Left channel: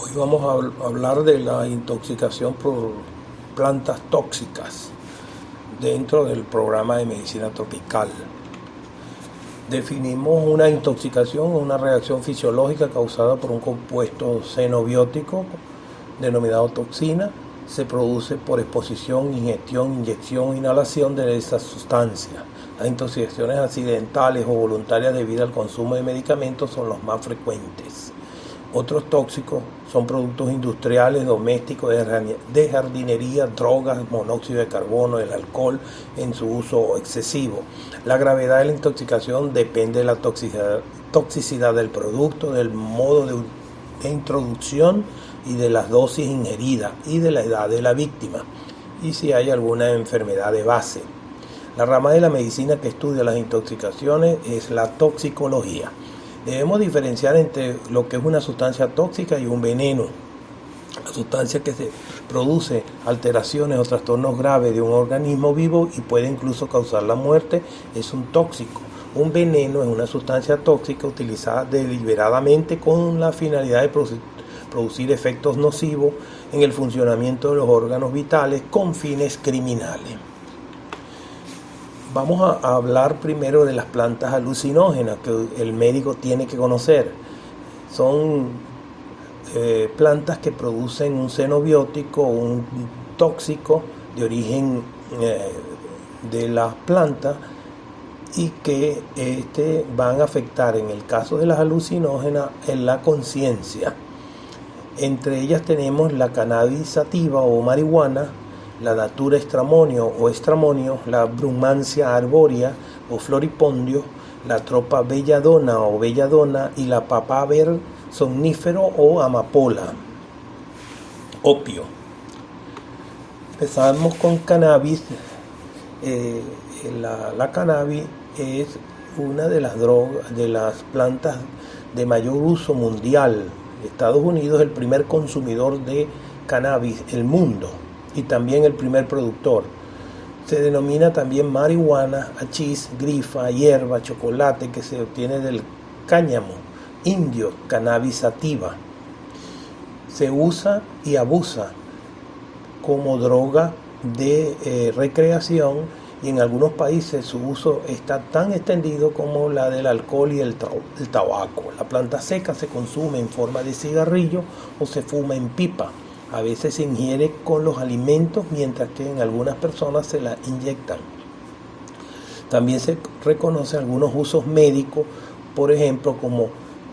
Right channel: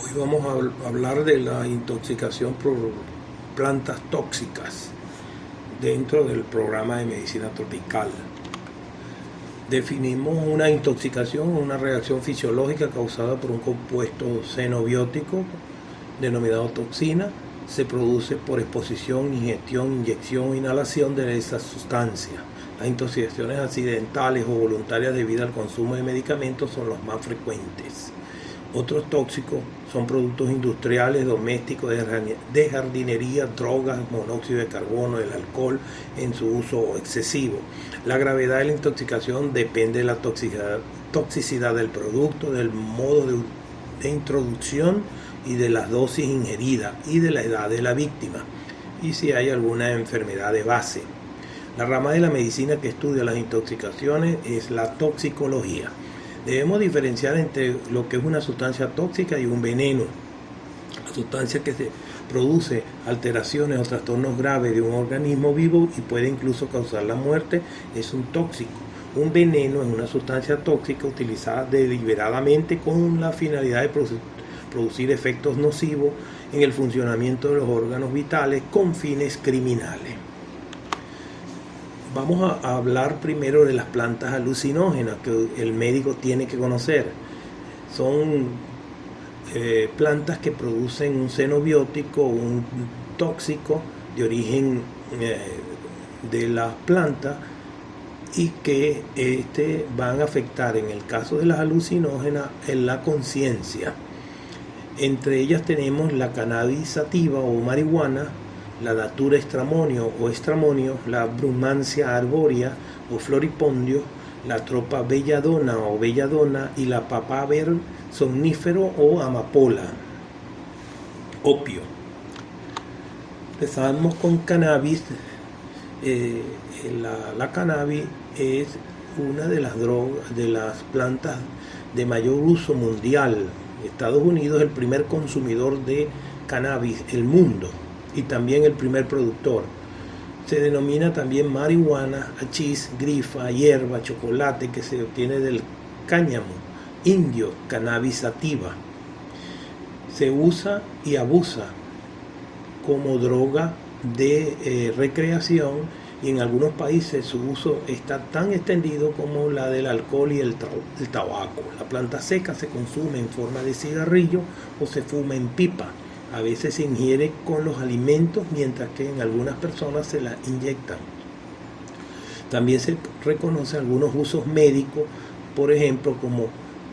Hoy vamos a hablar de la intoxicación por plantas tóxicas dentro del programa de medicina tropical. Definimos una intoxicación, una reacción fisiológica causada por un compuesto xenobiótico denominado toxina. Se produce por exposición, ingestión, inyección o inhalación de esa sustancia. Las intoxicaciones accidentales o voluntarias debido al consumo de medicamentos son los más frecuentes. Otros tóxicos son productos industriales, domésticos, de jardinería, drogas, monóxido de carbono, el alcohol en su uso excesivo. La gravedad de la intoxicación depende de la toxicidad del producto, del modo de introducción y de las dosis ingeridas y de la edad de la víctima y si hay alguna enfermedad de base. La rama de la medicina que estudia las intoxicaciones es la toxicología. Debemos diferenciar entre lo que es una sustancia tóxica y un veneno. La sustancia que se produce alteraciones o trastornos graves de un organismo vivo y puede incluso causar la muerte es un tóxico. Un veneno es una sustancia tóxica utilizada deliberadamente con la finalidad de producir efectos nocivos en el funcionamiento de los órganos vitales con fines criminales. Vamos a hablar primero de las plantas alucinógenas que el médico tiene que conocer. Son plantas que producen un xenobiótico, un tóxico de origen de las plantas y que van a afectar, en el caso de las alucinógenas, en la conciencia. Entre ellas tenemos la cannabis sativa o marihuana, la datura estramonio o estramonio, la brumancia arborea o floripondio, la tropa belladona o belladona y la papaver somnífero o amapola, opio. Empezamos con cannabis. La cannabis es una de las drogas, de las plantas de mayor uso mundial. Estados Unidos es el primer consumidor de cannabis del mundo y también el primer productor. Se denomina también marihuana, hachís, grifa, hierba, chocolate que se obtiene del cáñamo indio, cannabis sativa. Se usa y abusa como droga de recreación y en algunos países su uso está tan extendido como la del alcohol y el tabaco. La planta seca se consume en forma de cigarrillo o se fuma en pipa. A veces se ingiere con los alimentos, mientras que en algunas personas se la inyectan. También se reconocen algunos usos médicos, por ejemplo, como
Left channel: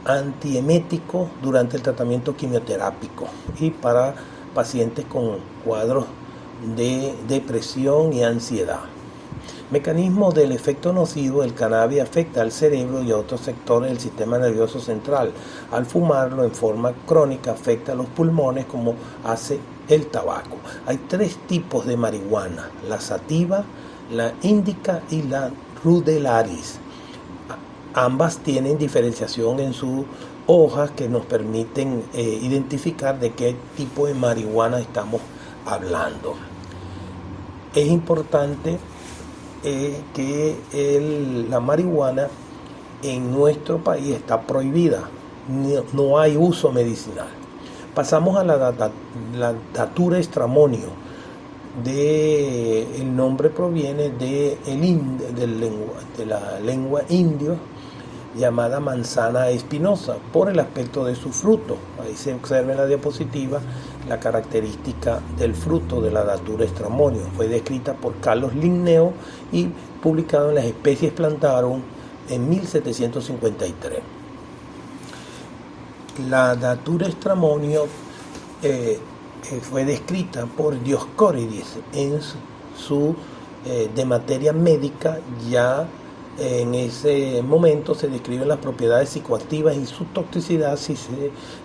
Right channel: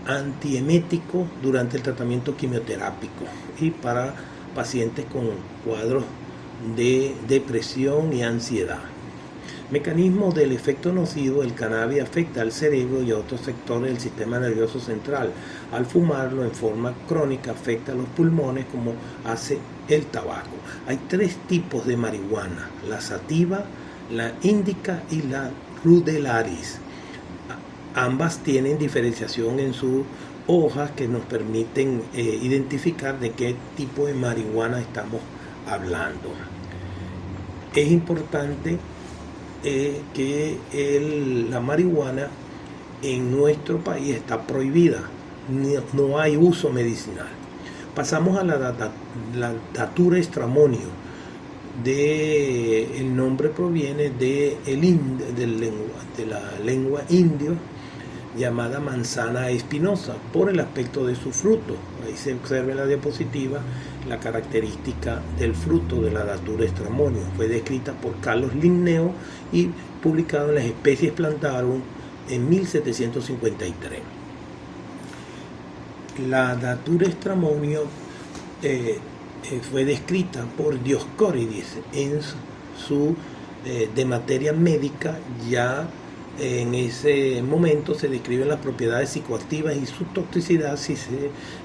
antiemético durante el tratamiento quimioterápico y para pacientes con cuadros de depresión y ansiedad. Mecanismo del efecto nocivo: el cannabis afecta al cerebro y a otros sectores del sistema nervioso central. Al fumarlo en forma crónica afecta a los pulmones como hace el tabaco. Hay 3 tipos de marihuana: la sativa, la índica y la rudelaris. Ambas tienen diferenciación en sus hojas que nos permiten identificar de qué tipo de marihuana estamos hablando. Es importante que la marihuana en nuestro país está prohibida, no hay uso medicinal. Pasamos a la datura estramonio. El nombre proviene de la lengua indio llamada manzana espinosa por el aspecto de su fruto. Ahí se observa en la diapositiva la característica del fruto de la datura estramonio. Fue descrita por Carlos Linneo y publicado en las Especies Plantarum en 1753. La datura estramonio fue descrita por Dioscórides en su de materia médica. Ya en ese momento se describen las propiedades psicoactivas y su toxicidad si se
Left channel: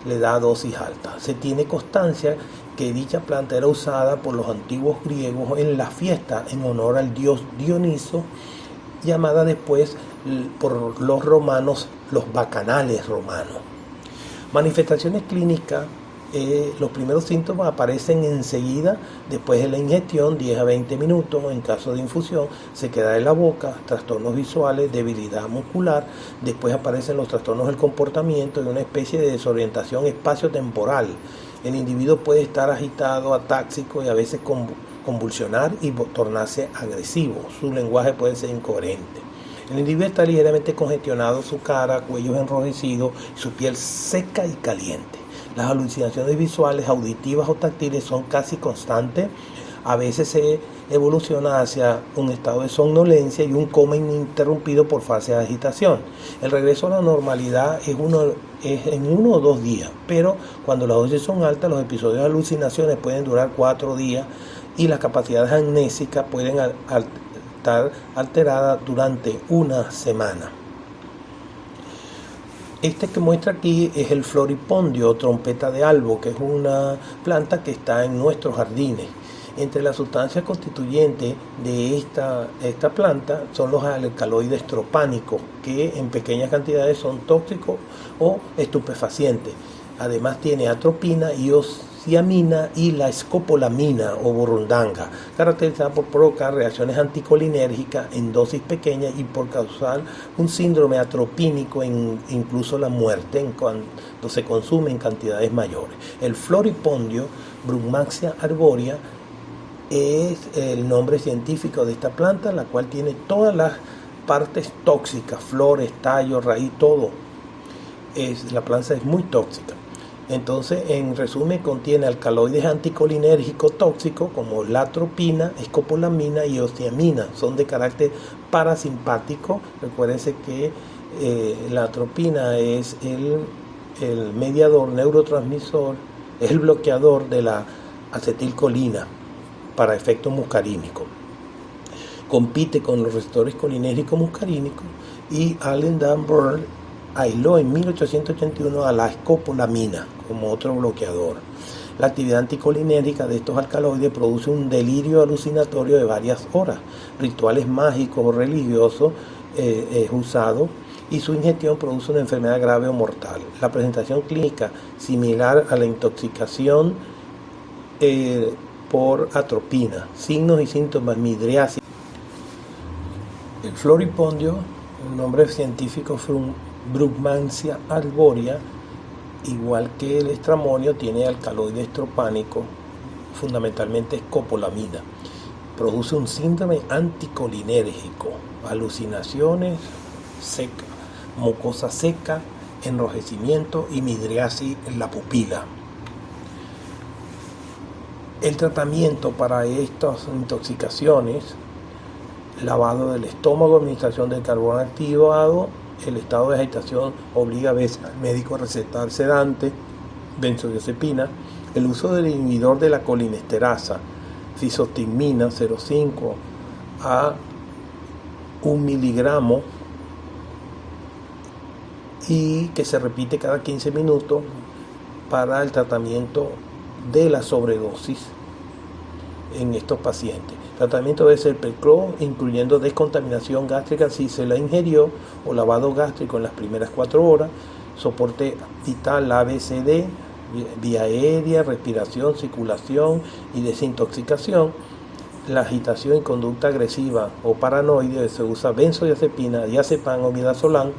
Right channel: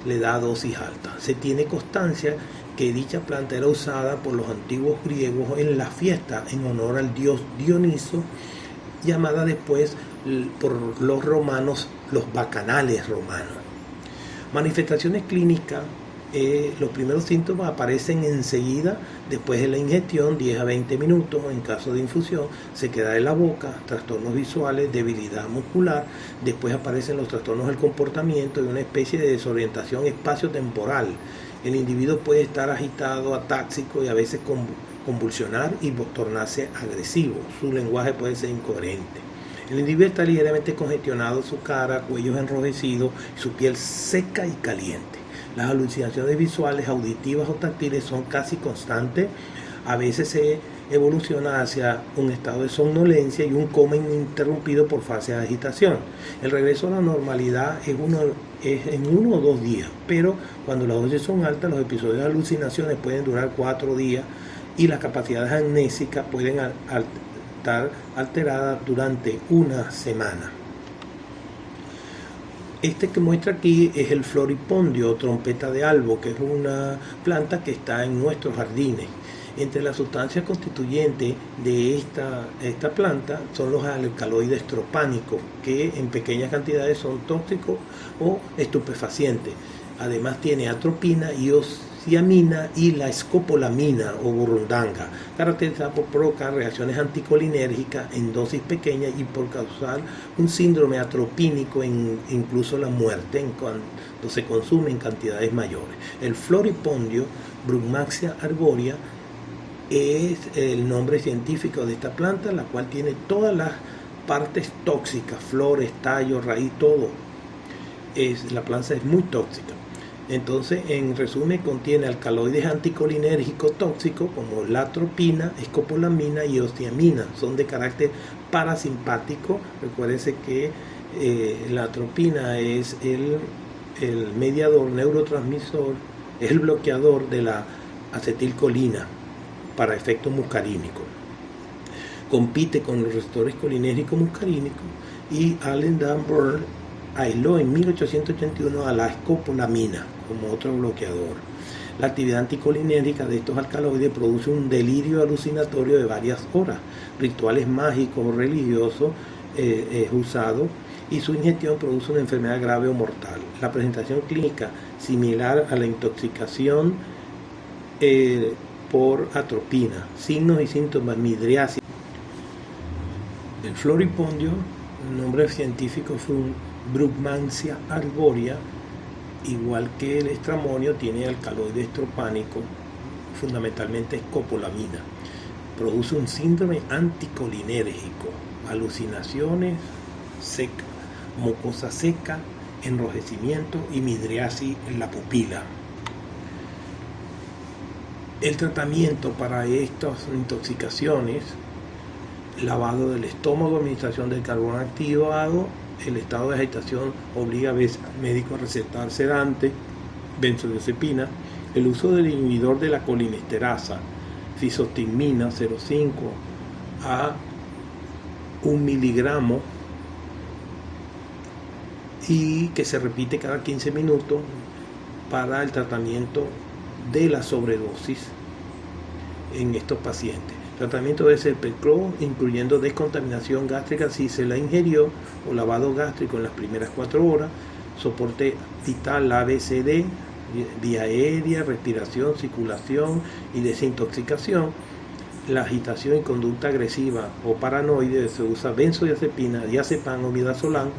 le da dosis alta. Se tiene constancia que dicha planta era usada por los antiguos griegos en la fiesta en honor al dios Dioniso, llamada después por los romanos los bacanales romanos. Manifestaciones clínicas Los primeros síntomas aparecen enseguida después de la ingestión, 10 a 20 minutos. En caso de infusión, se queda en la boca, trastornos visuales, debilidad muscular. Después aparecen los trastornos del comportamiento y una especie de desorientación espaciotemporal. El individuo puede estar agitado, atáxico y a veces convulsionar y tornarse agresivo. Su lenguaje puede ser incoherente. El individuo está ligeramente congestionado, su cara, cuello enrojecido, su piel seca y caliente. Las alucinaciones visuales, auditivas o táctiles son casi constantes. A veces se evoluciona hacia un estado de somnolencia y un coma ininterrumpido por fase de agitación. El regreso a la normalidad es en 1 o 2 días, pero cuando las dosis son altas, los episodios de alucinaciones pueden durar 4 días y las capacidades amnésicas pueden estar alteradas durante una semana. Este que muestra aquí es el floripondio o trompeta de albo, que es una planta que está en nuestros jardines. Entre las sustancias constituyentes de esta planta son los alcaloides tropánicos, que en pequeñas cantidades son tóxicos o estupefacientes. Además tiene atropina y osiamina y la escopolamina o burundanga, caracterizada por provocar reacciones anticolinérgicas en dosis pequeñas y por causar un síndrome atropínico, incluso la muerte cuando se consume en cantidades mayores. El floripondio, Brugmansia arborea, es el nombre científico de esta planta, la cual tiene todas las partes tóxicas, flores, tallos, raíz, todo. La planta es muy tóxica. Entonces, en resumen, contiene alcaloides anticolinérgicos tóxicos como la atropina, escopolamina y osiamina. Son de carácter parasimpático. Recuérdense que la atropina es el mediador neurotransmisor, es el bloqueador de la acetilcolina para efectos muscarínicos. Compite con los receptores colinérgicos muscarínicos y Allen Danburn aisló en 1881 a la escopolamina como otro bloqueador. La actividad anticolinérgica de estos alcaloides produce un delirio alucinatorio de varias horas. Rituales mágicos o religiosos es usado y su ingestión produce una enfermedad grave o mortal. La presentación clínica similar a la intoxicación por atropina. Signos y síntomas: midriasis. El floripondio, el nombre científico es Brugmansia arborea, igual que el estramonio, tiene alcaloides tropánicos, fundamentalmente escopolamina. Produce un síndrome anticolinérgico, alucinaciones secas, mucosa seca, enrojecimiento y midriasis en la pupila. El tratamiento para estas intoxicaciones: lavado del estómago, administración del carbón activado. El estado de agitación obliga a veces al médico a recetar sedante, benzodiazepina. El uso del inhibidor de la colinesterasa, fisostigmina 0,5 a 1 miligramo, y que se repite cada 15 minutos para el tratamiento de la sobredosis en estos pacientes. El tratamiento debe ser precoz, incluyendo descontaminación gástrica si se la ingirió, o lavado gástrico en las primeras 4 horas, soporte vital ABCD, vía aérea, respiración, circulación y desintoxicación. La agitación y conducta agresiva o paranoide, se usa benzodiazepina, diazepam o midazolam.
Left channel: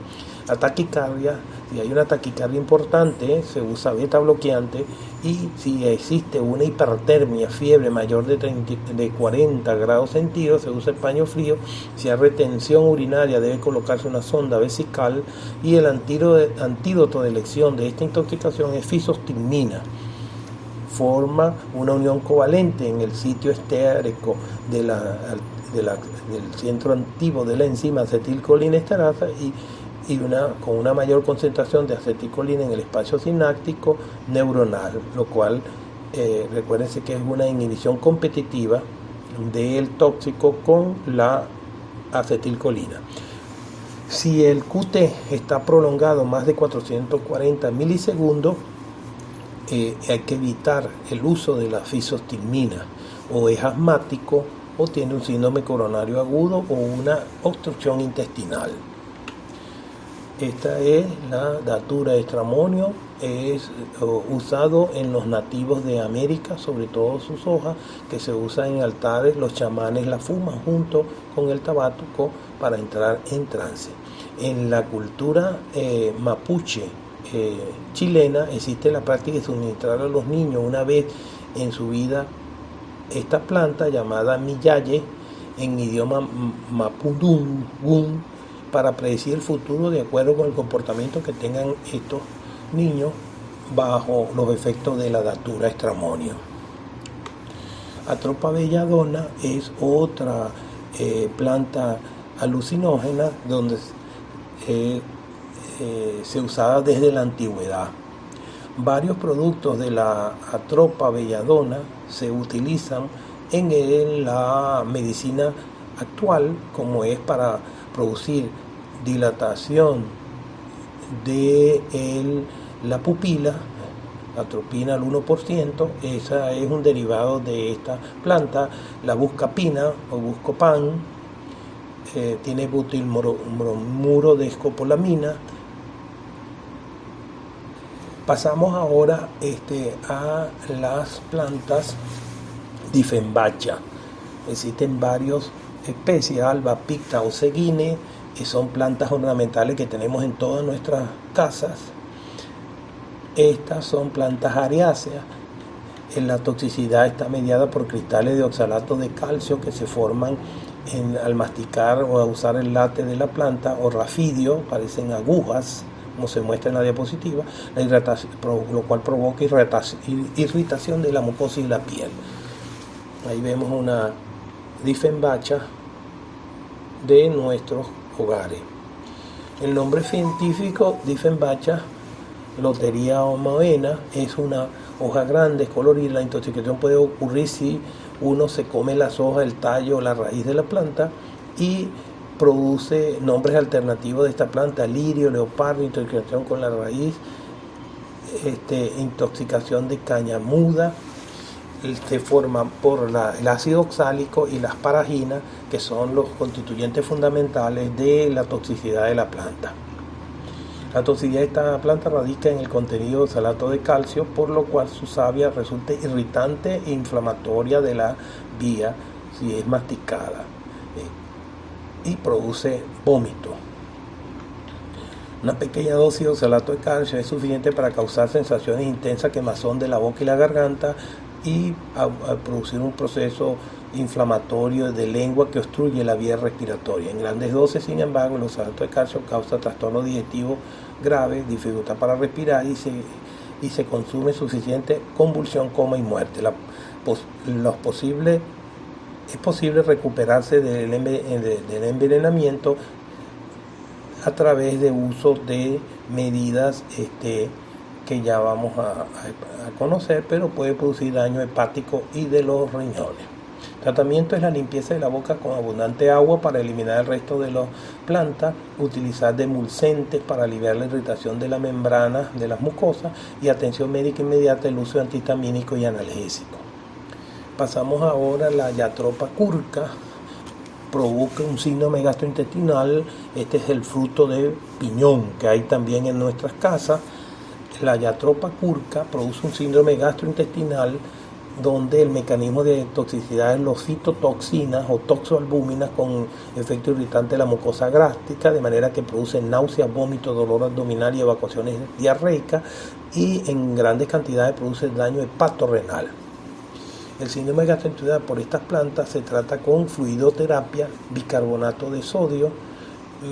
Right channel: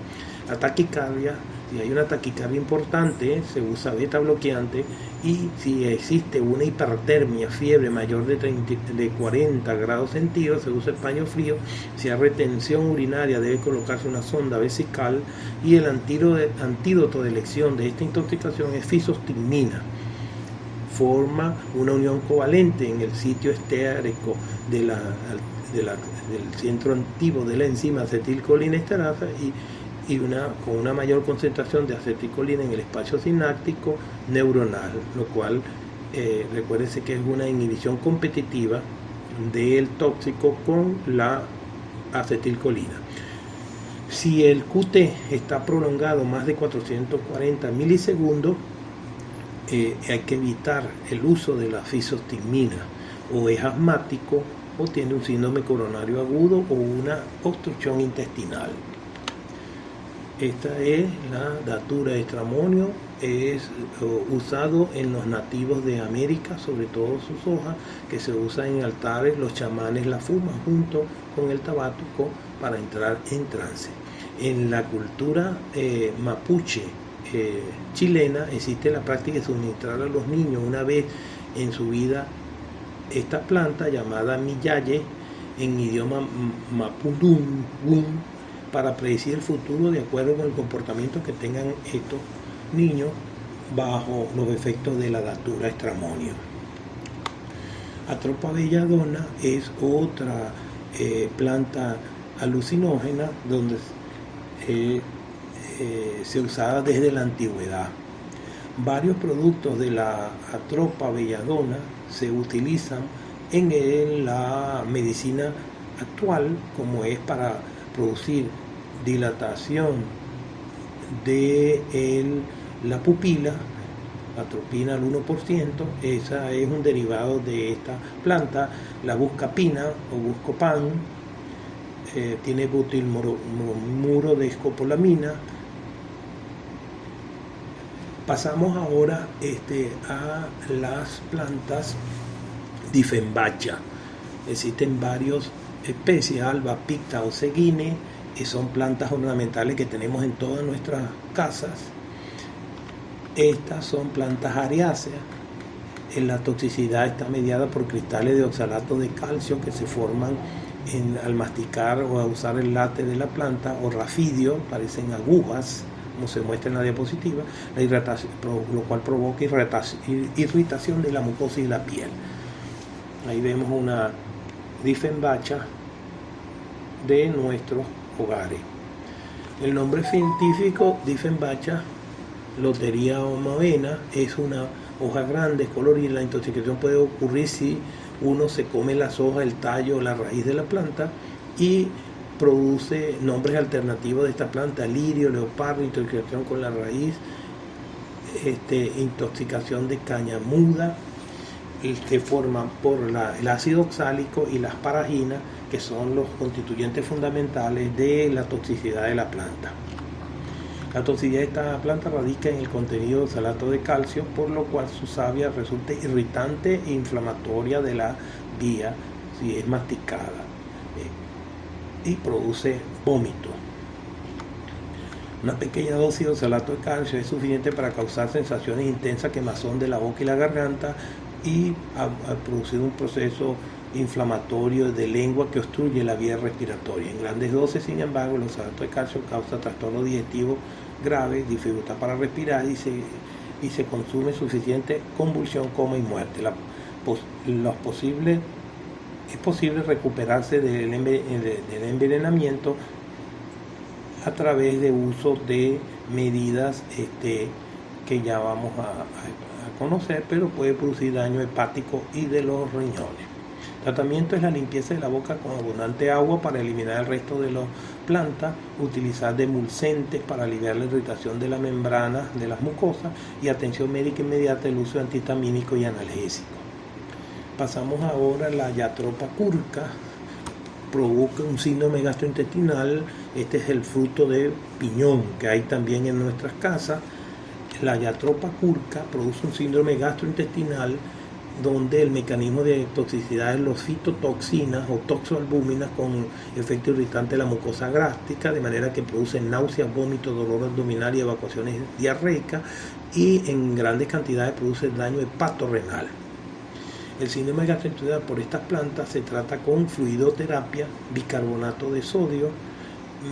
La taquicardia, si hay una taquicardia importante, se usa beta bloqueante, y si existe una hipertermia, fiebre mayor de 40 grados centígrados, se usa paño frío. Si hay retención urinaria, debe colocarse una sonda vesical, y el antídoto de elección de esta intoxicación es fisostigmina. Forma una unión covalente en el sitio esterico del centro activo de la enzima acetilcolinesterasa con una mayor concentración de acetilcolina en el espacio sináptico neuronal, lo cual recuérdense que es una inhibición competitiva del tóxico con la acetilcolina. Si el QT está prolongado más de 440 milisegundos, hay que evitar el uso de la fisostigmina, o es asmático o tiene un síndrome coronario agudo o una obstrucción intestinal. Esta es la datura de Stramonium, es usado en los nativos de América, sobre todo sus hojas, que se usan en altares, los chamanes la fuman junto con el tabaco para entrar en trance. En la cultura mapuche chilena existe la práctica de suministrar a los niños una vez en su vida esta planta llamada miyaye en idioma mapudungun, para predecir el futuro de acuerdo con el comportamiento que tengan estos niños bajo los efectos de la datura Stramonium. Atropa belladona es otra planta alucinógena donde se usaba desde la antigüedad. Varios productos de la Atropa belladona se utilizan en la medicina actual, como es para producir dilatación de la pupila, atropina al 1%, esa es un derivado de esta planta. La buscapina o buscopan tiene butilmuro de escopolamina. Pasamos ahora a las plantas Dieffenbachia. Existen varias especies, Alba, Picta o Seguine, que son plantas ornamentales que tenemos en todas nuestras casas. Estas son plantas ariáceas. La toxicidad está mediada por cristales de oxalato de calcio que se forman al masticar o a usar el látex de la planta, o rafidio, parecen agujas, como se muestra en la diapositiva, lo cual provoca irritación de la mucosa y la piel. Ahí vemos una Dieffenbachia de nuestros hogares. El nombre científico Dieffenbachia loteria omovena es una hoja grande, colorida. La intoxicación puede ocurrir si uno se come las hojas, el tallo o la raíz de la planta, y produce nombres alternativos de esta planta: lirio, leopardo, intoxicación con la raíz, intoxicación de caña muda, que forman por el ácido oxálico y las paraginas, que son los constituyentes fundamentales de la toxicidad de la planta. La toxicidad de esta planta radica en el contenido de oxalato de calcio, por lo cual su savia resulta irritante e inflamatoria de la vía si es masticada, y produce vómito. Una pequeña dosis de oxalato de calcio es suficiente para causar sensaciones intensas, quemazón de la boca y la garganta, y a producir un proceso inflamatorio de lengua que obstruye la vía respiratoria. En grandes dosis, sin embargo, el oxalato de calcio causa trastorno digestivo grave, dificultad para respirar, y se consume suficiente convulsión, coma y muerte. Es posible recuperarse del envenenamiento a través de uso de medidas que ya vamos a conocer, pero puede producir daño hepático y de los riñones. Tratamiento es la limpieza de la boca con abundante agua para eliminar el resto de las plantas, utilizar demulcentes para aliviar la irritación de la membrana de las mucosas, y atención médica inmediata, el uso de antihistamínico y analgésico. Pasamos ahora a la Jatropha curca. Provoca un síndrome gastrointestinal. Este es el fruto de piñón que hay también en nuestras casas. La Jatropha curca produce un síndrome gastrointestinal donde el mecanismo de toxicidad es los citotoxinas o toxoalbúminas con efecto irritante de la mucosa gástrica, de manera que produce náuseas, vómitos, dolor abdominal y evacuaciones diarreicas, y en grandes cantidades produce daño hepatorrenal. El síndrome gastrointestinal por estas plantas se trata con fluidoterapia, bicarbonato de sodio,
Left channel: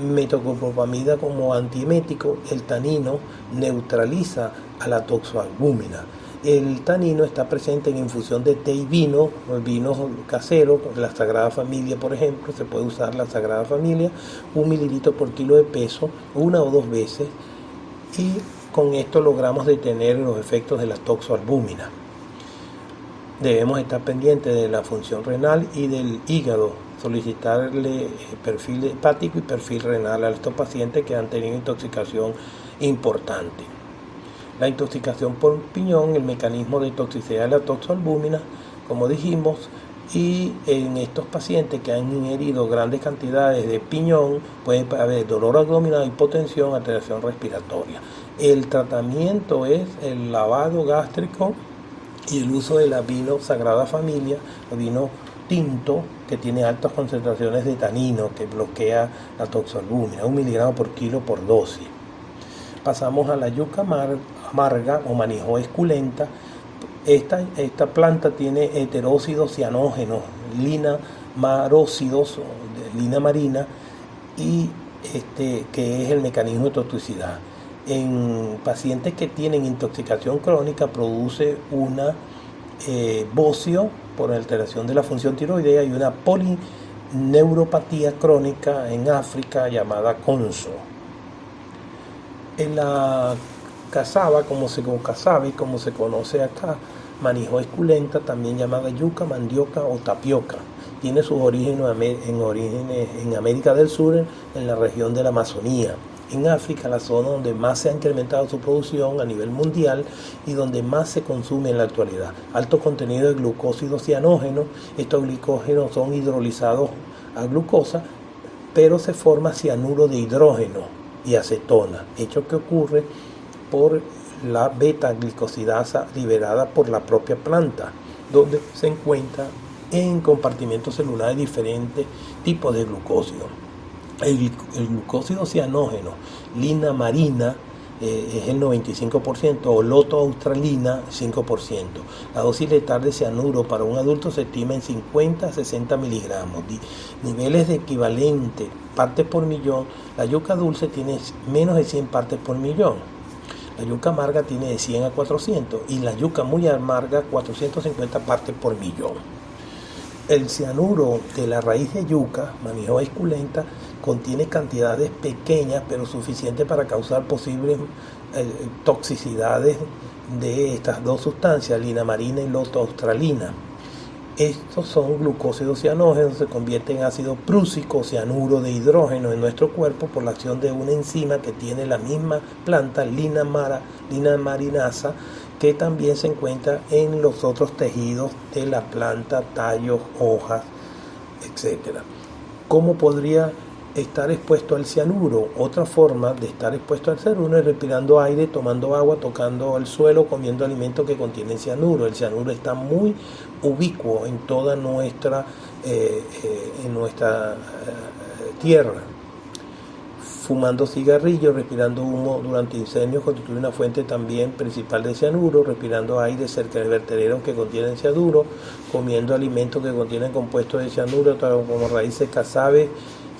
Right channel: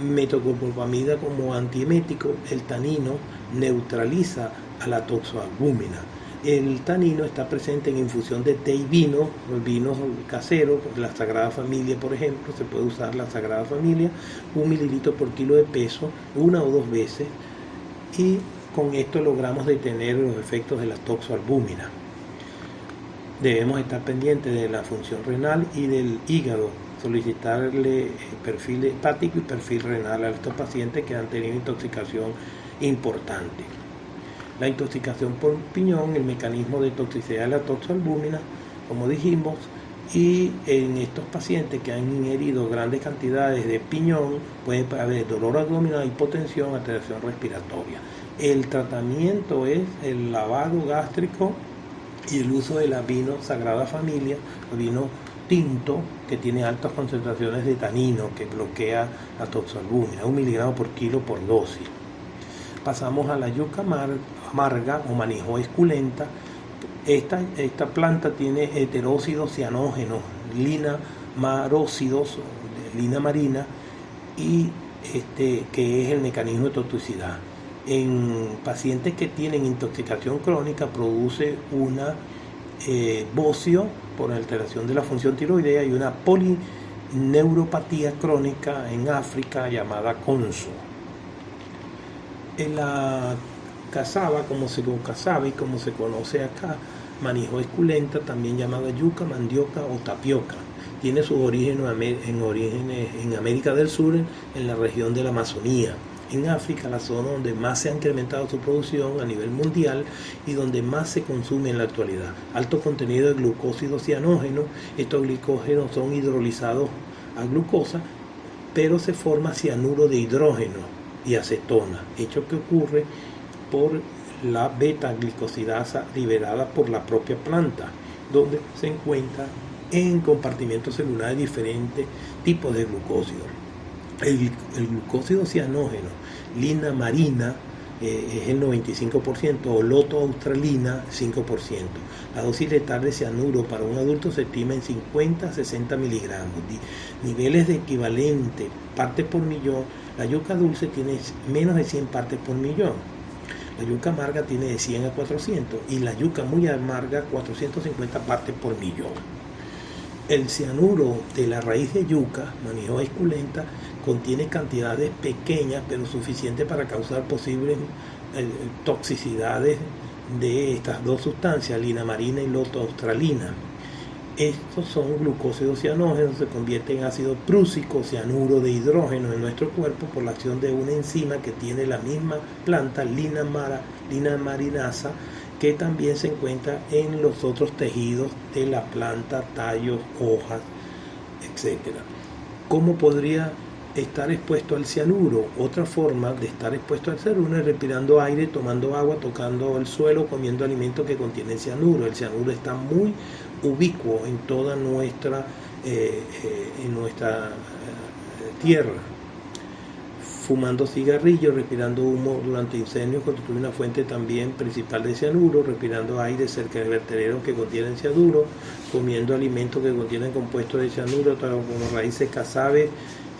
metoclopramida como antiemético. El tanino neutraliza a la toxoalbúmina. El tanino está presente en infusión de té y vino, vinos caseros, la Sagrada Familia, por ejemplo. Se puede usar la Sagrada Familia, 1 mililitro por kilo de peso, 1 o 2 veces, y con esto logramos detener los efectos de la toxoalbúmina. Debemos estar pendientes de la función renal y del hígado, solicitarle perfil hepático y perfil renal a estos pacientes que han tenido intoxicación importante. La intoxicación por piñón, el mecanismo de toxicidad de la toxoalbúmina, como dijimos, Y en estos pacientes que han ingerido grandes cantidades de piñón puede haber dolor abdominal, hipotensión, alteración respiratoria. El tratamiento es el lavado gástrico y el uso de la vino Sagrada Familia, el vino tinto, que tiene altas concentraciones de tanino, que bloquea la toxalbúmina, 1 miligramo por kilo por dosis. Pasamos a la yuca amarga o Manihot esculenta. Esta planta tiene heterócidos cianógenos, lina marócidos, lina marina, y que es el mecanismo de toxicidad. En pacientes que tienen intoxicación crónica produce una bocio por alteración de la función tiroidea y una polineuropatía crónica en África llamada conso. En la cassava, como se conoce acá, Manihot esculenta, también llamada yuca, mandioca o tapioca. Tiene sus orígenes en América del Sur, en la región de la Amazonía. En África, la zona donde más se ha incrementado su producción a nivel mundial y donde más se consume en la actualidad. Alto contenido de glucósidos cianógenos. Estos glucógenos son hidrolizados a glucosa, pero se forma cianuro de hidrógeno y acetona, hecho que ocurre por la beta-glicosidasa liberada por la propia planta, donde se encuentra en compartimentos celulares diferentes tipos de glucósidos. El glucósido cianógeno, lina marina, es el 95%, o loto australina, 5%. La dosis letal de cianuro para un adulto se estima en 50 a 60 miligramos. Niveles de equivalente, partes por millón. La yuca dulce tiene menos de 100 partes por millón. La yuca amarga tiene de 100 a 400 y la yuca muy amarga 450 partes por millón. El cianuro de la raíz de yuca, Manihot esculenta, contiene cantidades pequeñas pero suficientes para causar posibles toxicidades de estas dos sustancias, lina marina y loto australina. Estos son glucósidos cianógenos, se convierten en ácido prúsico, cianuro de hidrógeno en nuestro cuerpo por la acción de una enzima que tiene la misma planta, lina marinasa, que también se encuentra en los otros tejidos de la planta, tallos, hojas, etc. ¿Cómo podría estar expuesto al cianuro? Otra forma de estar expuesto al cianuro es respirando aire, tomando agua, tocando el suelo, comiendo alimentos que contienen cianuro. El cianuro está muy ubicuo en toda nuestra tierra. Fumando cigarrillos, respirando humo durante incendios constituye una fuente también principal de cianuro, respirando aire cerca de vertederos que contienen cianuro, comiendo alimentos que contienen compuestos de cianuro, como raíces casabe,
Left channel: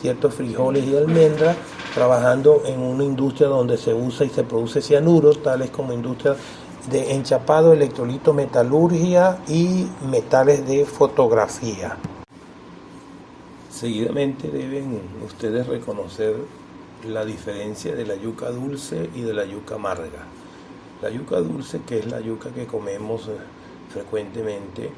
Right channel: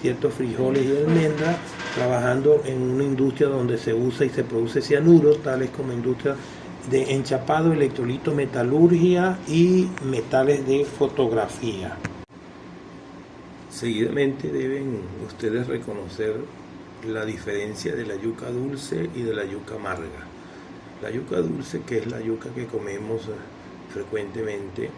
ciertos frijoles y almendras, trabajando en una industria donde se usa y se produce cianuro, tales como industria de enchapado, electrolito, metalurgia y metales de fotografía. Seguidamente deben ustedes reconocer la diferencia de la yuca dulce y de la yuca amarga. La yuca dulce, que es la yuca que comemos frecuentemente,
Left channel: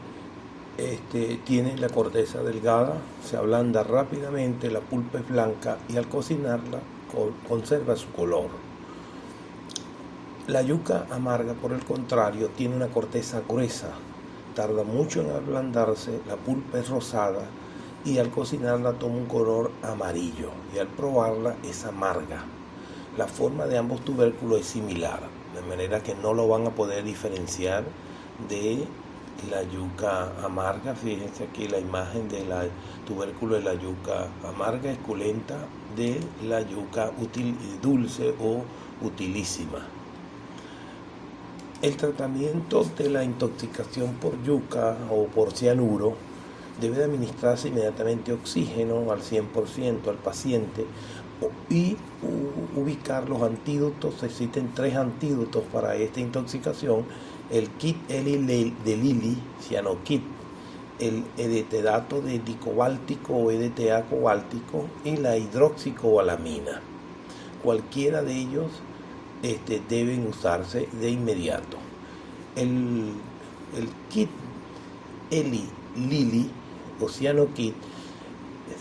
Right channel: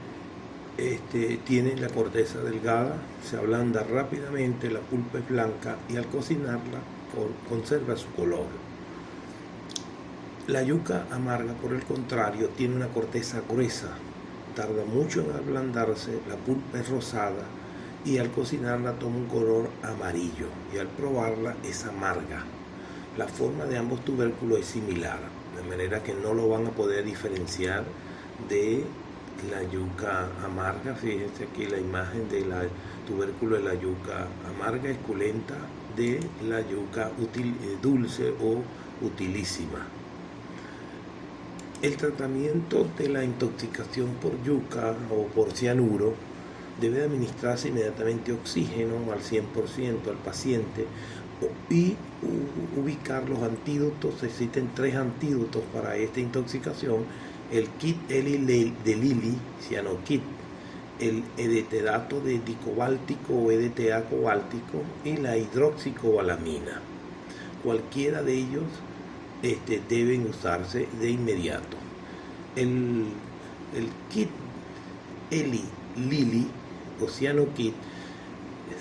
tiene la corteza delgada, se ablanda rápidamente, la pulpa es blanca y al cocinarla conserva su color. La yuca amarga, por el contrario, tiene una corteza gruesa, tarda mucho en ablandarse, la pulpa es rosada y al cocinarla toma un color amarillo y al probarla es amarga. La forma de ambos tubérculos es similar, de manera que no lo van a poder diferenciar de la yuca amarga. Fíjense aquí la imagen del tubérculo de la yuca amarga esculenta de la yuca dulce o utilísima. El tratamiento de la intoxicación por yuca o por cianuro debe administrarse inmediatamente oxígeno al 100% al paciente y ubicar los antídotos. Existen 3 antídotos para esta intoxicación: el kit Eli de Lilly, cianokit, el edetadato de dicobáltico o EDTA cobáltico y la hidroxicobalamina. Cualquiera de ellos deben usarse de inmediato. El kit Eli Lilly o cianokit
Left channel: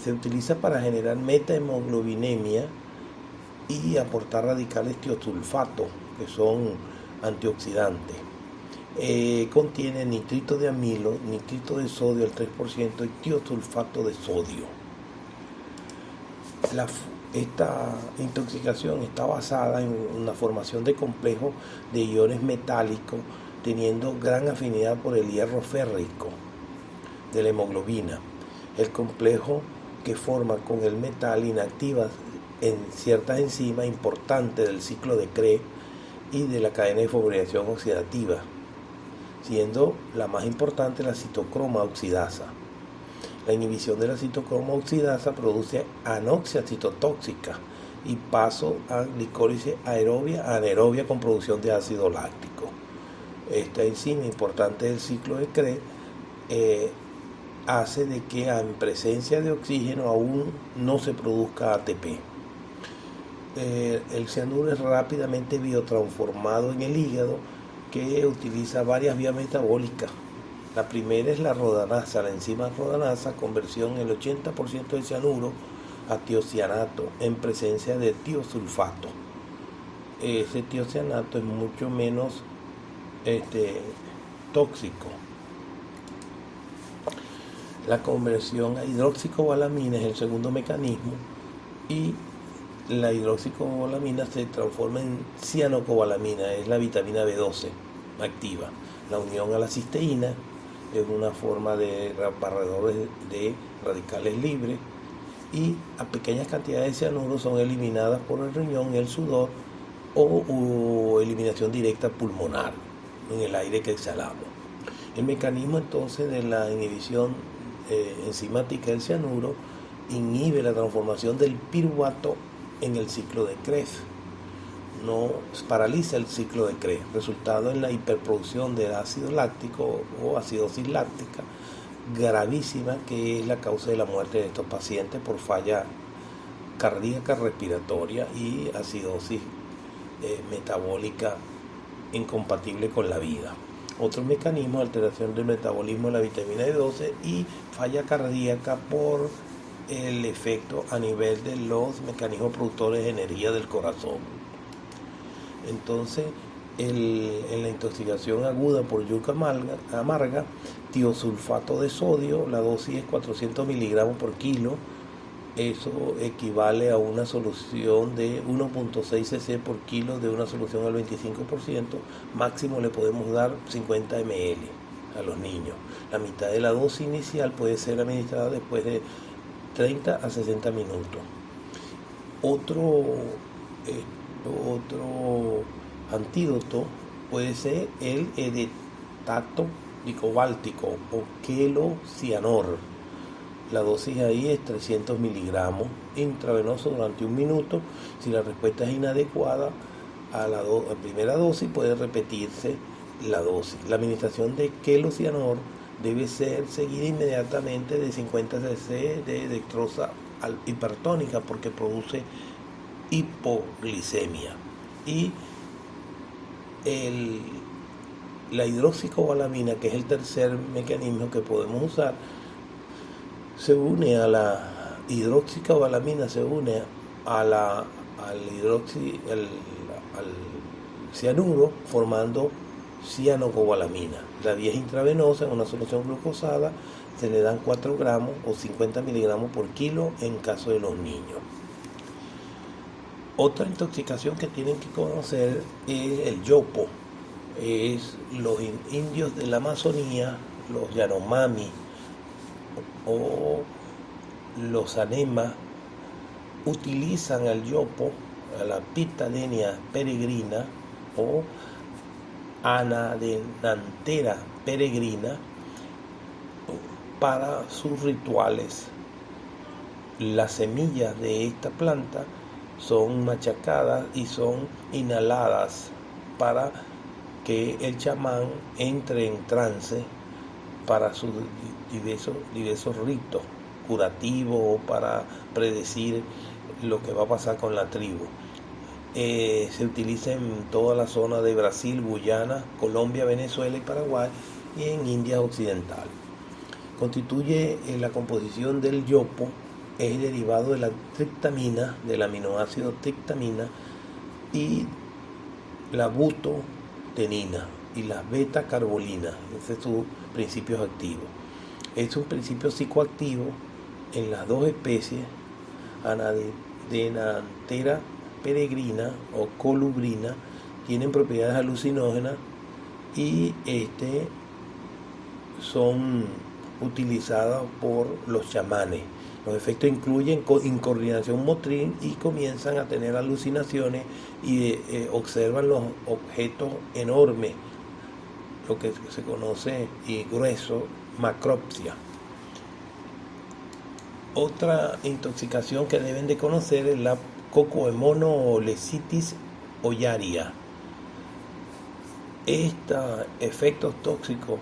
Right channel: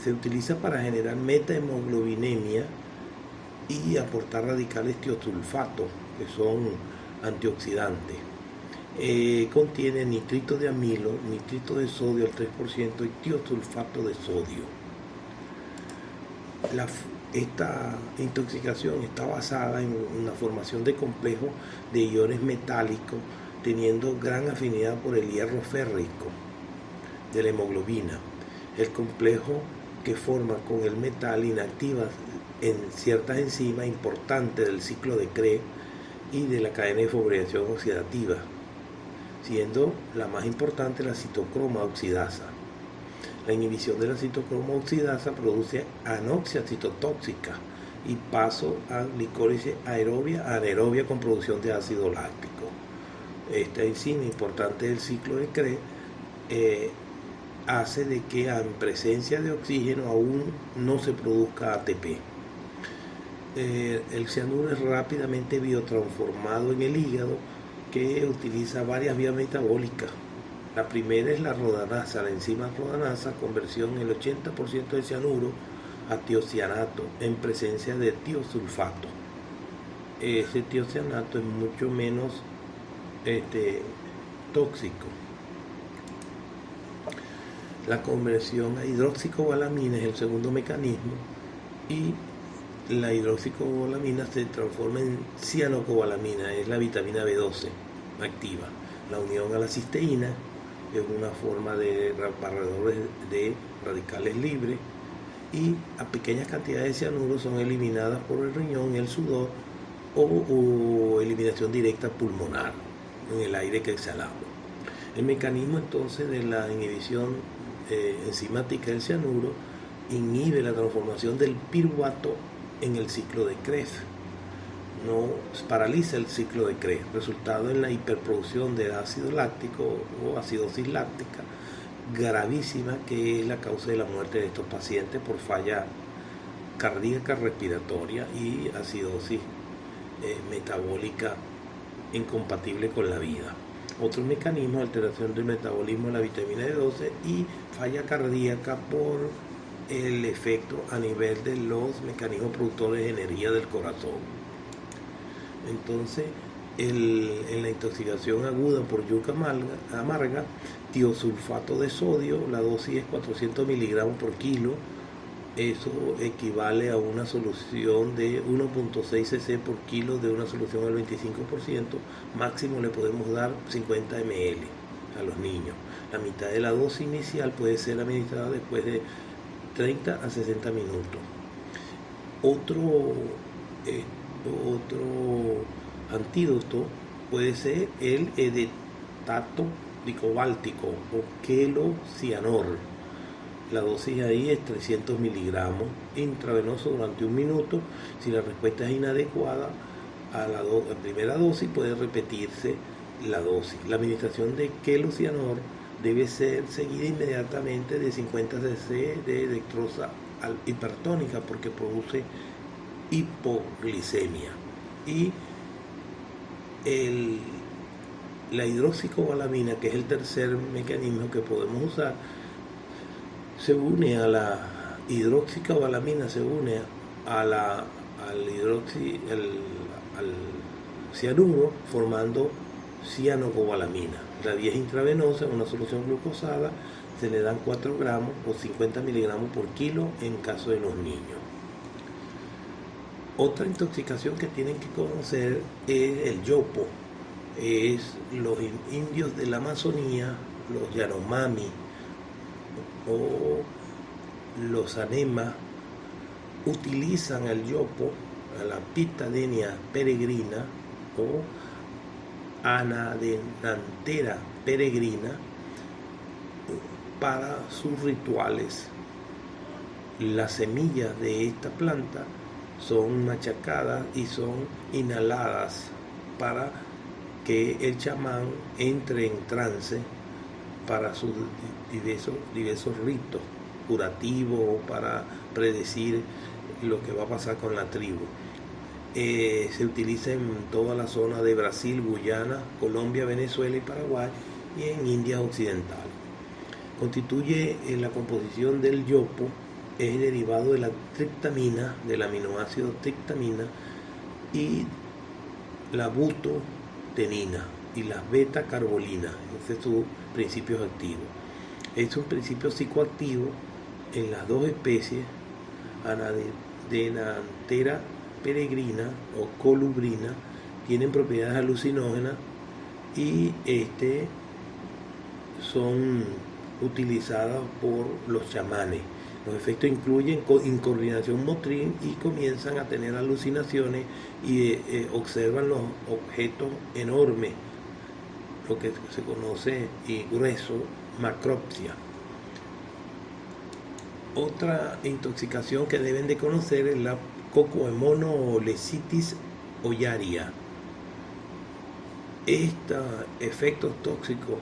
se utiliza para generar metahemoglobinemia y aportar radicales tiosulfato, que son antioxidantes. contiene nitrito de amilo, nitrito de sodio al 3% y tiosulfato de sodio. Esta intoxicación está basada en la formación de complejos de iones metálicos teniendo gran afinidad por el hierro férrico de la hemoglobina. El complejo que forma con el metal inactiva en ciertas enzimas importantes del ciclo de Krebs y de la cadena de fosforilación oxidativa, siendo la más importante la citocroma oxidasa. La inhibición de la citocroma oxidasa produce anoxia citotóxica y paso a glicólisis aerobia, anaerobia con producción de ácido láctico. Esta enzima importante del ciclo de Krebs hace de que en presencia de oxígeno aún no se produzca ATP. El cianuro es rápidamente biotransformado en el hígado, que utiliza varias vías metabólicas. La primera es la rodanasa, la enzima rodanasa, conversión el 80% de cianuro a tiocianato en presencia de tiosulfato. Ese tiocianato es mucho menos tóxico. La conversión a hidroxicobalamina es el segundo mecanismo y la hidroxicobalamina se transforma en cianocobalamina, es la vitamina B12 activa. La unión a la cisteína es una forma de barredores de radicales libres y a pequeñas cantidades de cianuro son eliminadas por el riñón y el sudor o eliminación directa pulmonar en el aire que exhalamos. El mecanismo entonces de la inhibición enzimática del cianuro inhibe la transformación del piruvato en el ciclo de Krebs, no paraliza el ciclo de Krebs, resultado en la hiperproducción del ácido láctico o acidosis láctica gravísima, que es la causa de la muerte de estos pacientes por falla cardíaca respiratoria y acidosis metabólica incompatible con la vida. Otro mecanismo, alteración del metabolismo de la vitamina B12 y falla cardíaca por el efecto a nivel de los mecanismos productores de energía del corazón. Entonces, en la intoxicación aguda por yuca amarga, tiosulfato de sodio, la dosis es 400 miligramos por kilo. Eso equivale a una solución de 1.6 cc por kilo de una solución al 25%. Máximo le podemos dar 50 ml a los niños. La mitad de la dosis inicial puede ser administrada después de 30 a 60 minutos. Otro antídoto puede ser el edetato dicobáltico o quelocianor. La dosis ahí es 300 miligramos intravenoso durante 1 minuto. Si la respuesta es inadecuada a la primera dosis, puede repetirse la dosis. La administración de quelocianor debe ser seguida inmediatamente de 50 cc de dextrosa hipertónica porque produce hipoglicemia. Y la hidroxicobalamina, que es el tercer mecanismo que podemos usar, se une a la hidroxicobalamina, se une al cianuro formando cianocobalamina. La vía es intravenosa en una solución glucosada, se le dan 4 gramos o 50 miligramos por kilo en caso de los niños. Otra intoxicación que tienen que conocer es el yopo. Es los indios de la Amazonía, los Yanomami o los Anema, utilizan al yopo, a la Pitadenia peregrina o Anadenantera peregrina para sus rituales. Las semillas de esta planta son machacadas y son inhaladas para que el chamán entre en trance para sus diversos ritos curativos o para predecir lo que va a pasar con la tribu. Se utiliza en toda la zona de Brasil, Guyana, Colombia, Venezuela y Paraguay y en India occidental. Constituye la composición del yopo, es derivado de la triptamina, del aminoácido triptamina y la butotenina. y las beta-carbolinas. Ese es su principio activo. Es un principio psicoactivo en las dos especies, Anadenanthera peregrina o colubrina, tienen propiedades alucinógenas y son utilizadas por los chamanes. Los efectos incluyen incoordinación motriz y comienzan a tener alucinaciones y observan los objetos enormes, lo que se conoce y grueso, macropsia. Otra intoxicación que deben de conocer es la Cocomonolectitis ollaria. Estos efectos tóxicos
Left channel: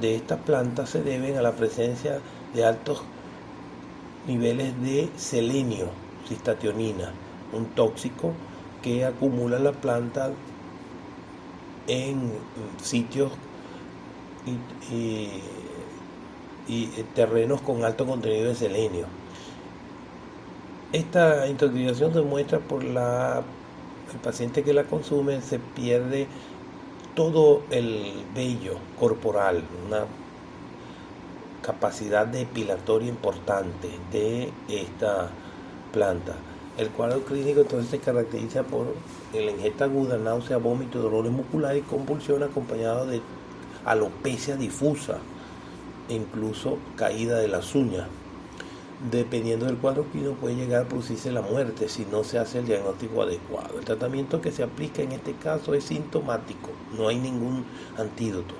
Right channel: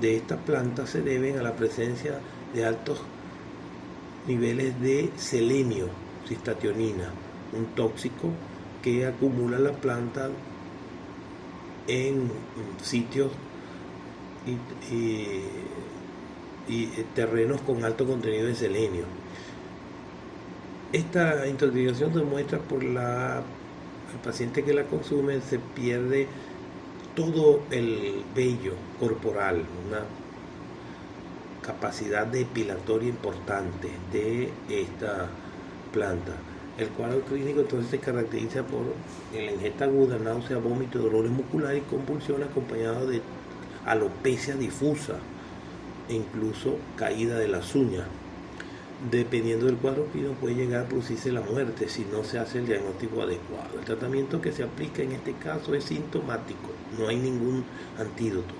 de esta planta se deben a la presencia de altos niveles de selenio, cistationina, un tóxico que acumula la planta en sitios y terrenos con alto contenido de selenio. Esta intoxicación se muestra por el paciente que la consume, se pierde todo el vello corporal, una capacidad depilatoria importante de esta planta. El cuadro clínico entonces se caracteriza por la ingesta aguda, náusea, vómito, dolores musculares y convulsión acompañado de alopecia difusa e incluso caída de las uñas. Dependiendo del cuadro clínico puede llegar a producirse la muerte si no se hace el diagnóstico adecuado. El tratamiento que se aplica en este caso es sintomático, no hay ningún antídoto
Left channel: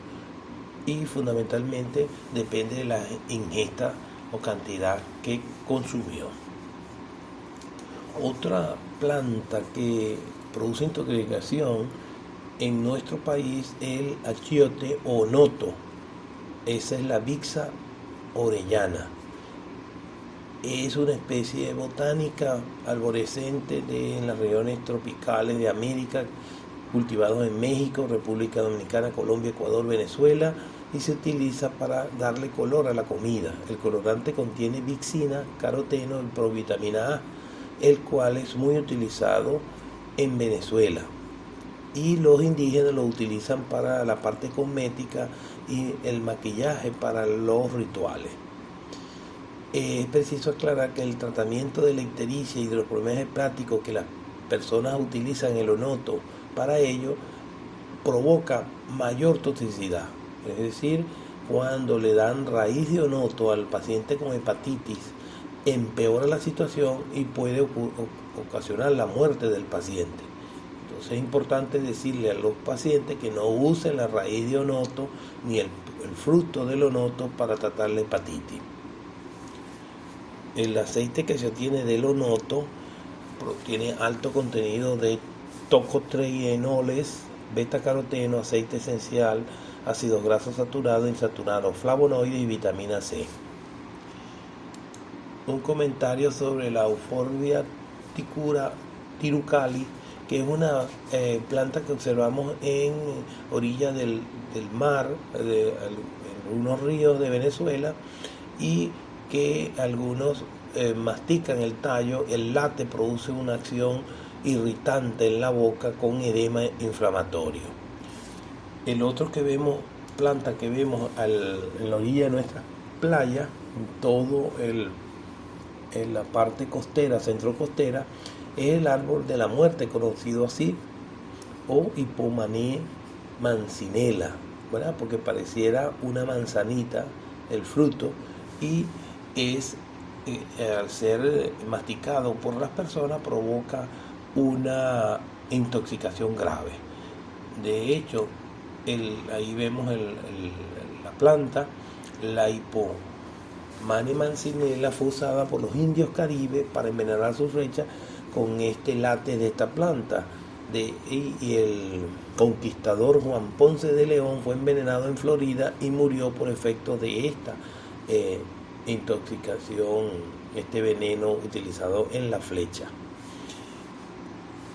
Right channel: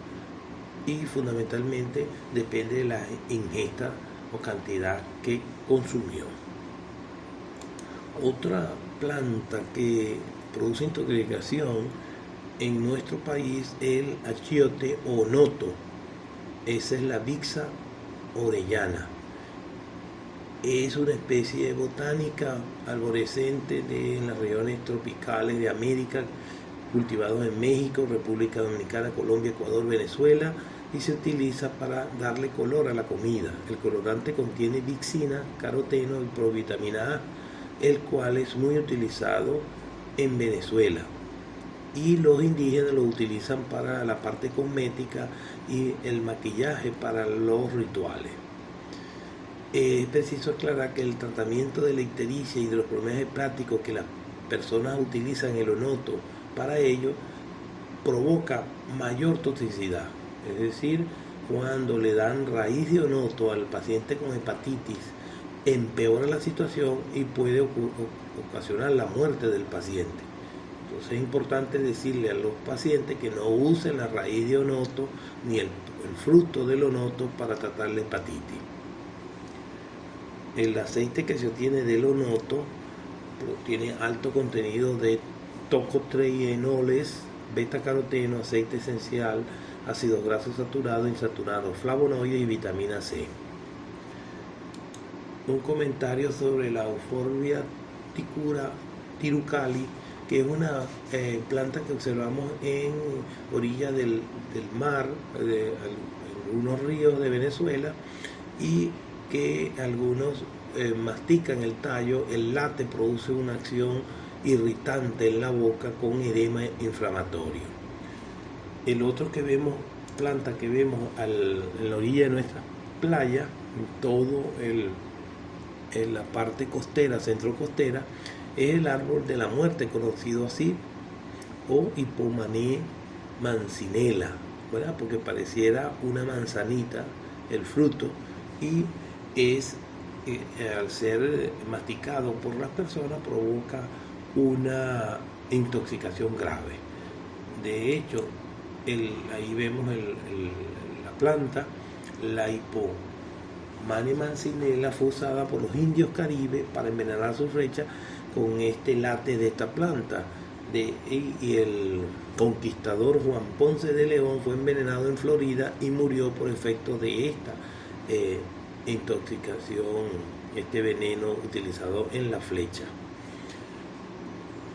y fundamentalmente depende de la ingesta o cantidad que consumió. Otra planta que produce intoxicación en nuestro país es el achiote o noto. Esa es la Vixa orellana. Es una especie botánica arborescente en las regiones tropicales de América, cultivados en México, República Dominicana, Colombia, Ecuador, Venezuela, y se utiliza para darle color a la comida. El colorante contiene vixina, caroteno y provitamina A, el cual es muy utilizado en Venezuela. Y los indígenas lo utilizan para la parte cosmética y el maquillaje para los rituales. Es preciso aclarar que el tratamiento de la ictericia y de los problemas hepáticos que las personas utilizan el onoto para ello provoca mayor toxicidad. Es decir, cuando le dan raíz de onoto al paciente con hepatitis, empeora la situación y puede ocasionar la muerte del paciente. Entonces es importante decirle a los pacientes que no usen la raíz de onoto ni el fruto del onoto para tratar la hepatitis. El aceite que se obtiene del onoto tiene alto contenido de tocotrienoles, beta-caroteno, aceite esencial, ácidos grasos saturados, insaturados, flavonoides y vitamina C. Un comentario sobre la Euphorbia tirucali, que es una planta que observamos en orilla del mar, en algunos ríos de Venezuela, y que algunos mastican el tallo. El late produce una acción irritante en la boca con edema inflamatorio. El otro que vemos, planta que vemos en la orilla de nuestra playa, en todo en la parte costera, centro costera, es el árbol de la muerte, conocido así, o Hipomané mancinela, ¿verdad? Porque pareciera una manzanita el fruto, y al ser masticado por las personas provoca una intoxicación grave. De hecho, ahí vemos la planta, la Hipomané mancinela fue usada por los indios caribes para envenenar sus flechas con este late de esta planta. Y el conquistador Juan Ponce de León fue envenenado en Florida y murió por efecto de esta intoxicación, este veneno utilizado en la flecha.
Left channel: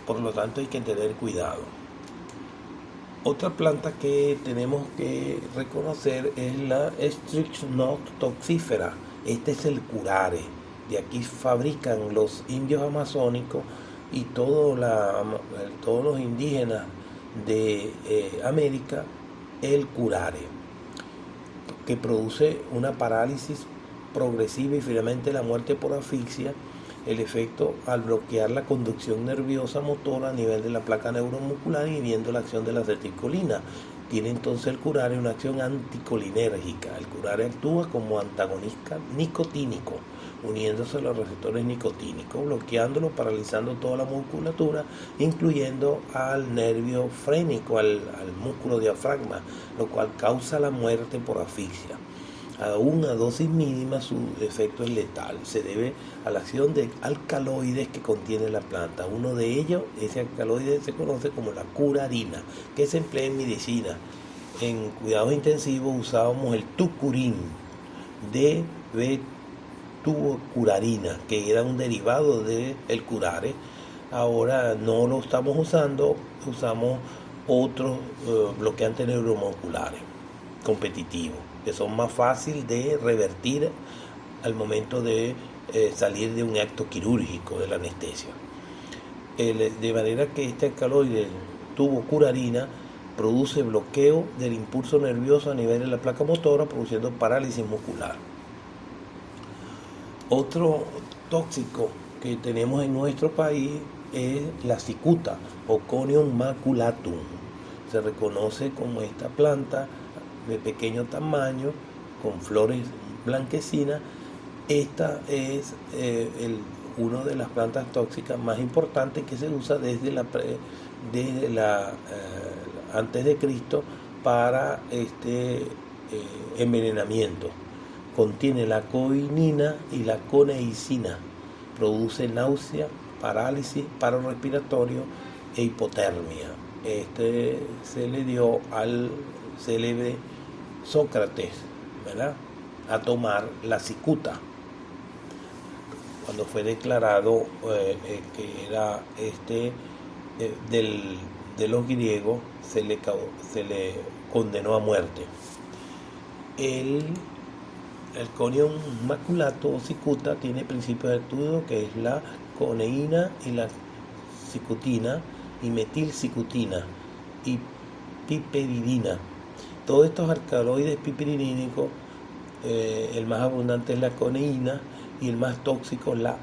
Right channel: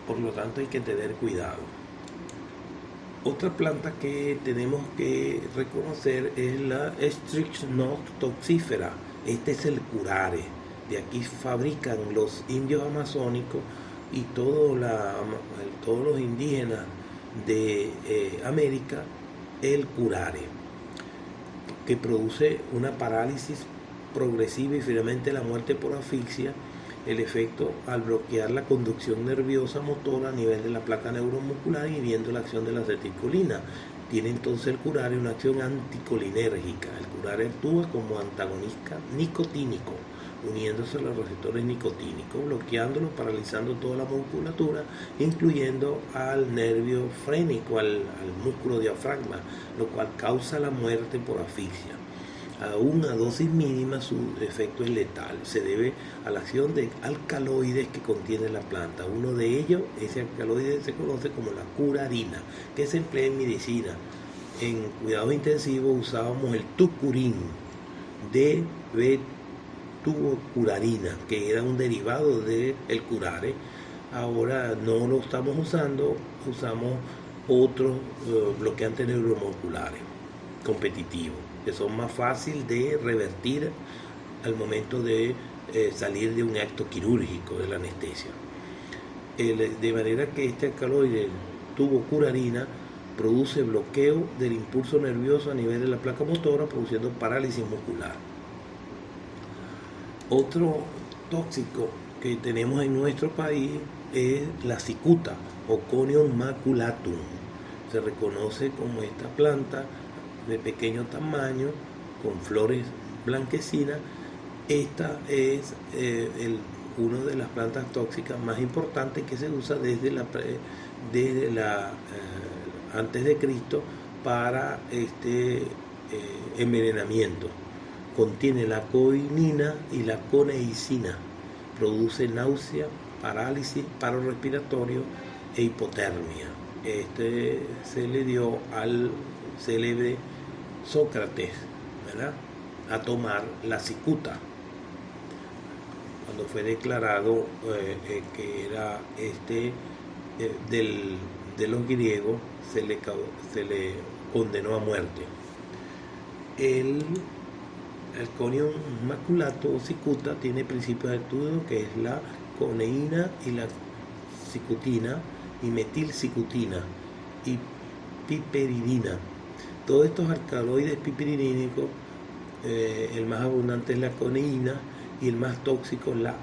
Por lo tanto hay que tener cuidado. Otra planta que tenemos que reconocer es la Strychnotoxifera. Este es el curare. De aquí fabrican los indios amazónicos y todos los indígenas de América el curare, que produce una parálisis progresiva y finalmente la muerte por asfixia. El efecto al bloquear la conducción nerviosa motora a nivel de la placa neuromuscular, inhibiendo la acción de la acetilcolina. Tiene entonces el curare una acción anticolinérgica. El curare actúa como antagonista nicotínico, uniéndose a los receptores nicotínicos, bloqueándolo, paralizando toda la musculatura, incluyendo al nervio frénico, al músculo diafragma, lo cual causa la muerte por asfixia. Aún a dosis mínima su efecto es letal. Se debe a la acción de alcaloides que contiene la planta. Uno de ellos, ese alcaloide se conoce como la curarina, que se emplea en medicina. En cuidados intensivos usábamos el tucurín de bettucurarina, que era un derivado del curare. Ahora no lo estamos usando, usamos otros bloqueantes neuromusculares competitivos, que son más fáciles de revertir al momento de salir de un acto quirúrgico de la anestesia. De manera que este alcaloide tubucurarina produce bloqueo del impulso nervioso a nivel de la placa motora, produciendo parálisis muscular. Otro tóxico que tenemos en nuestro país es la cicuta o Conium maculatum. Se reconoce como esta planta de pequeño tamaño, con flores blanquecinas. Esta es una de las plantas tóxicas más importantes que se usa desde antes de Cristo para envenenamiento. Contiene la coinina y la coneicina. Produce náusea, parálisis, paro respiratorio e hipotermia. Se le dio al célebre Sócrates, ¿verdad?, a tomar la cicuta cuando fue declarado que era de los griegos, se le condenó a muerte. El Conium maculatum o cicuta tiene principios de estudio que es la coneína y la cicutina y metilcicutina y piperidina. Todos estos alcaloides piperidínicos, el más abundante es la coneína y el más tóxico la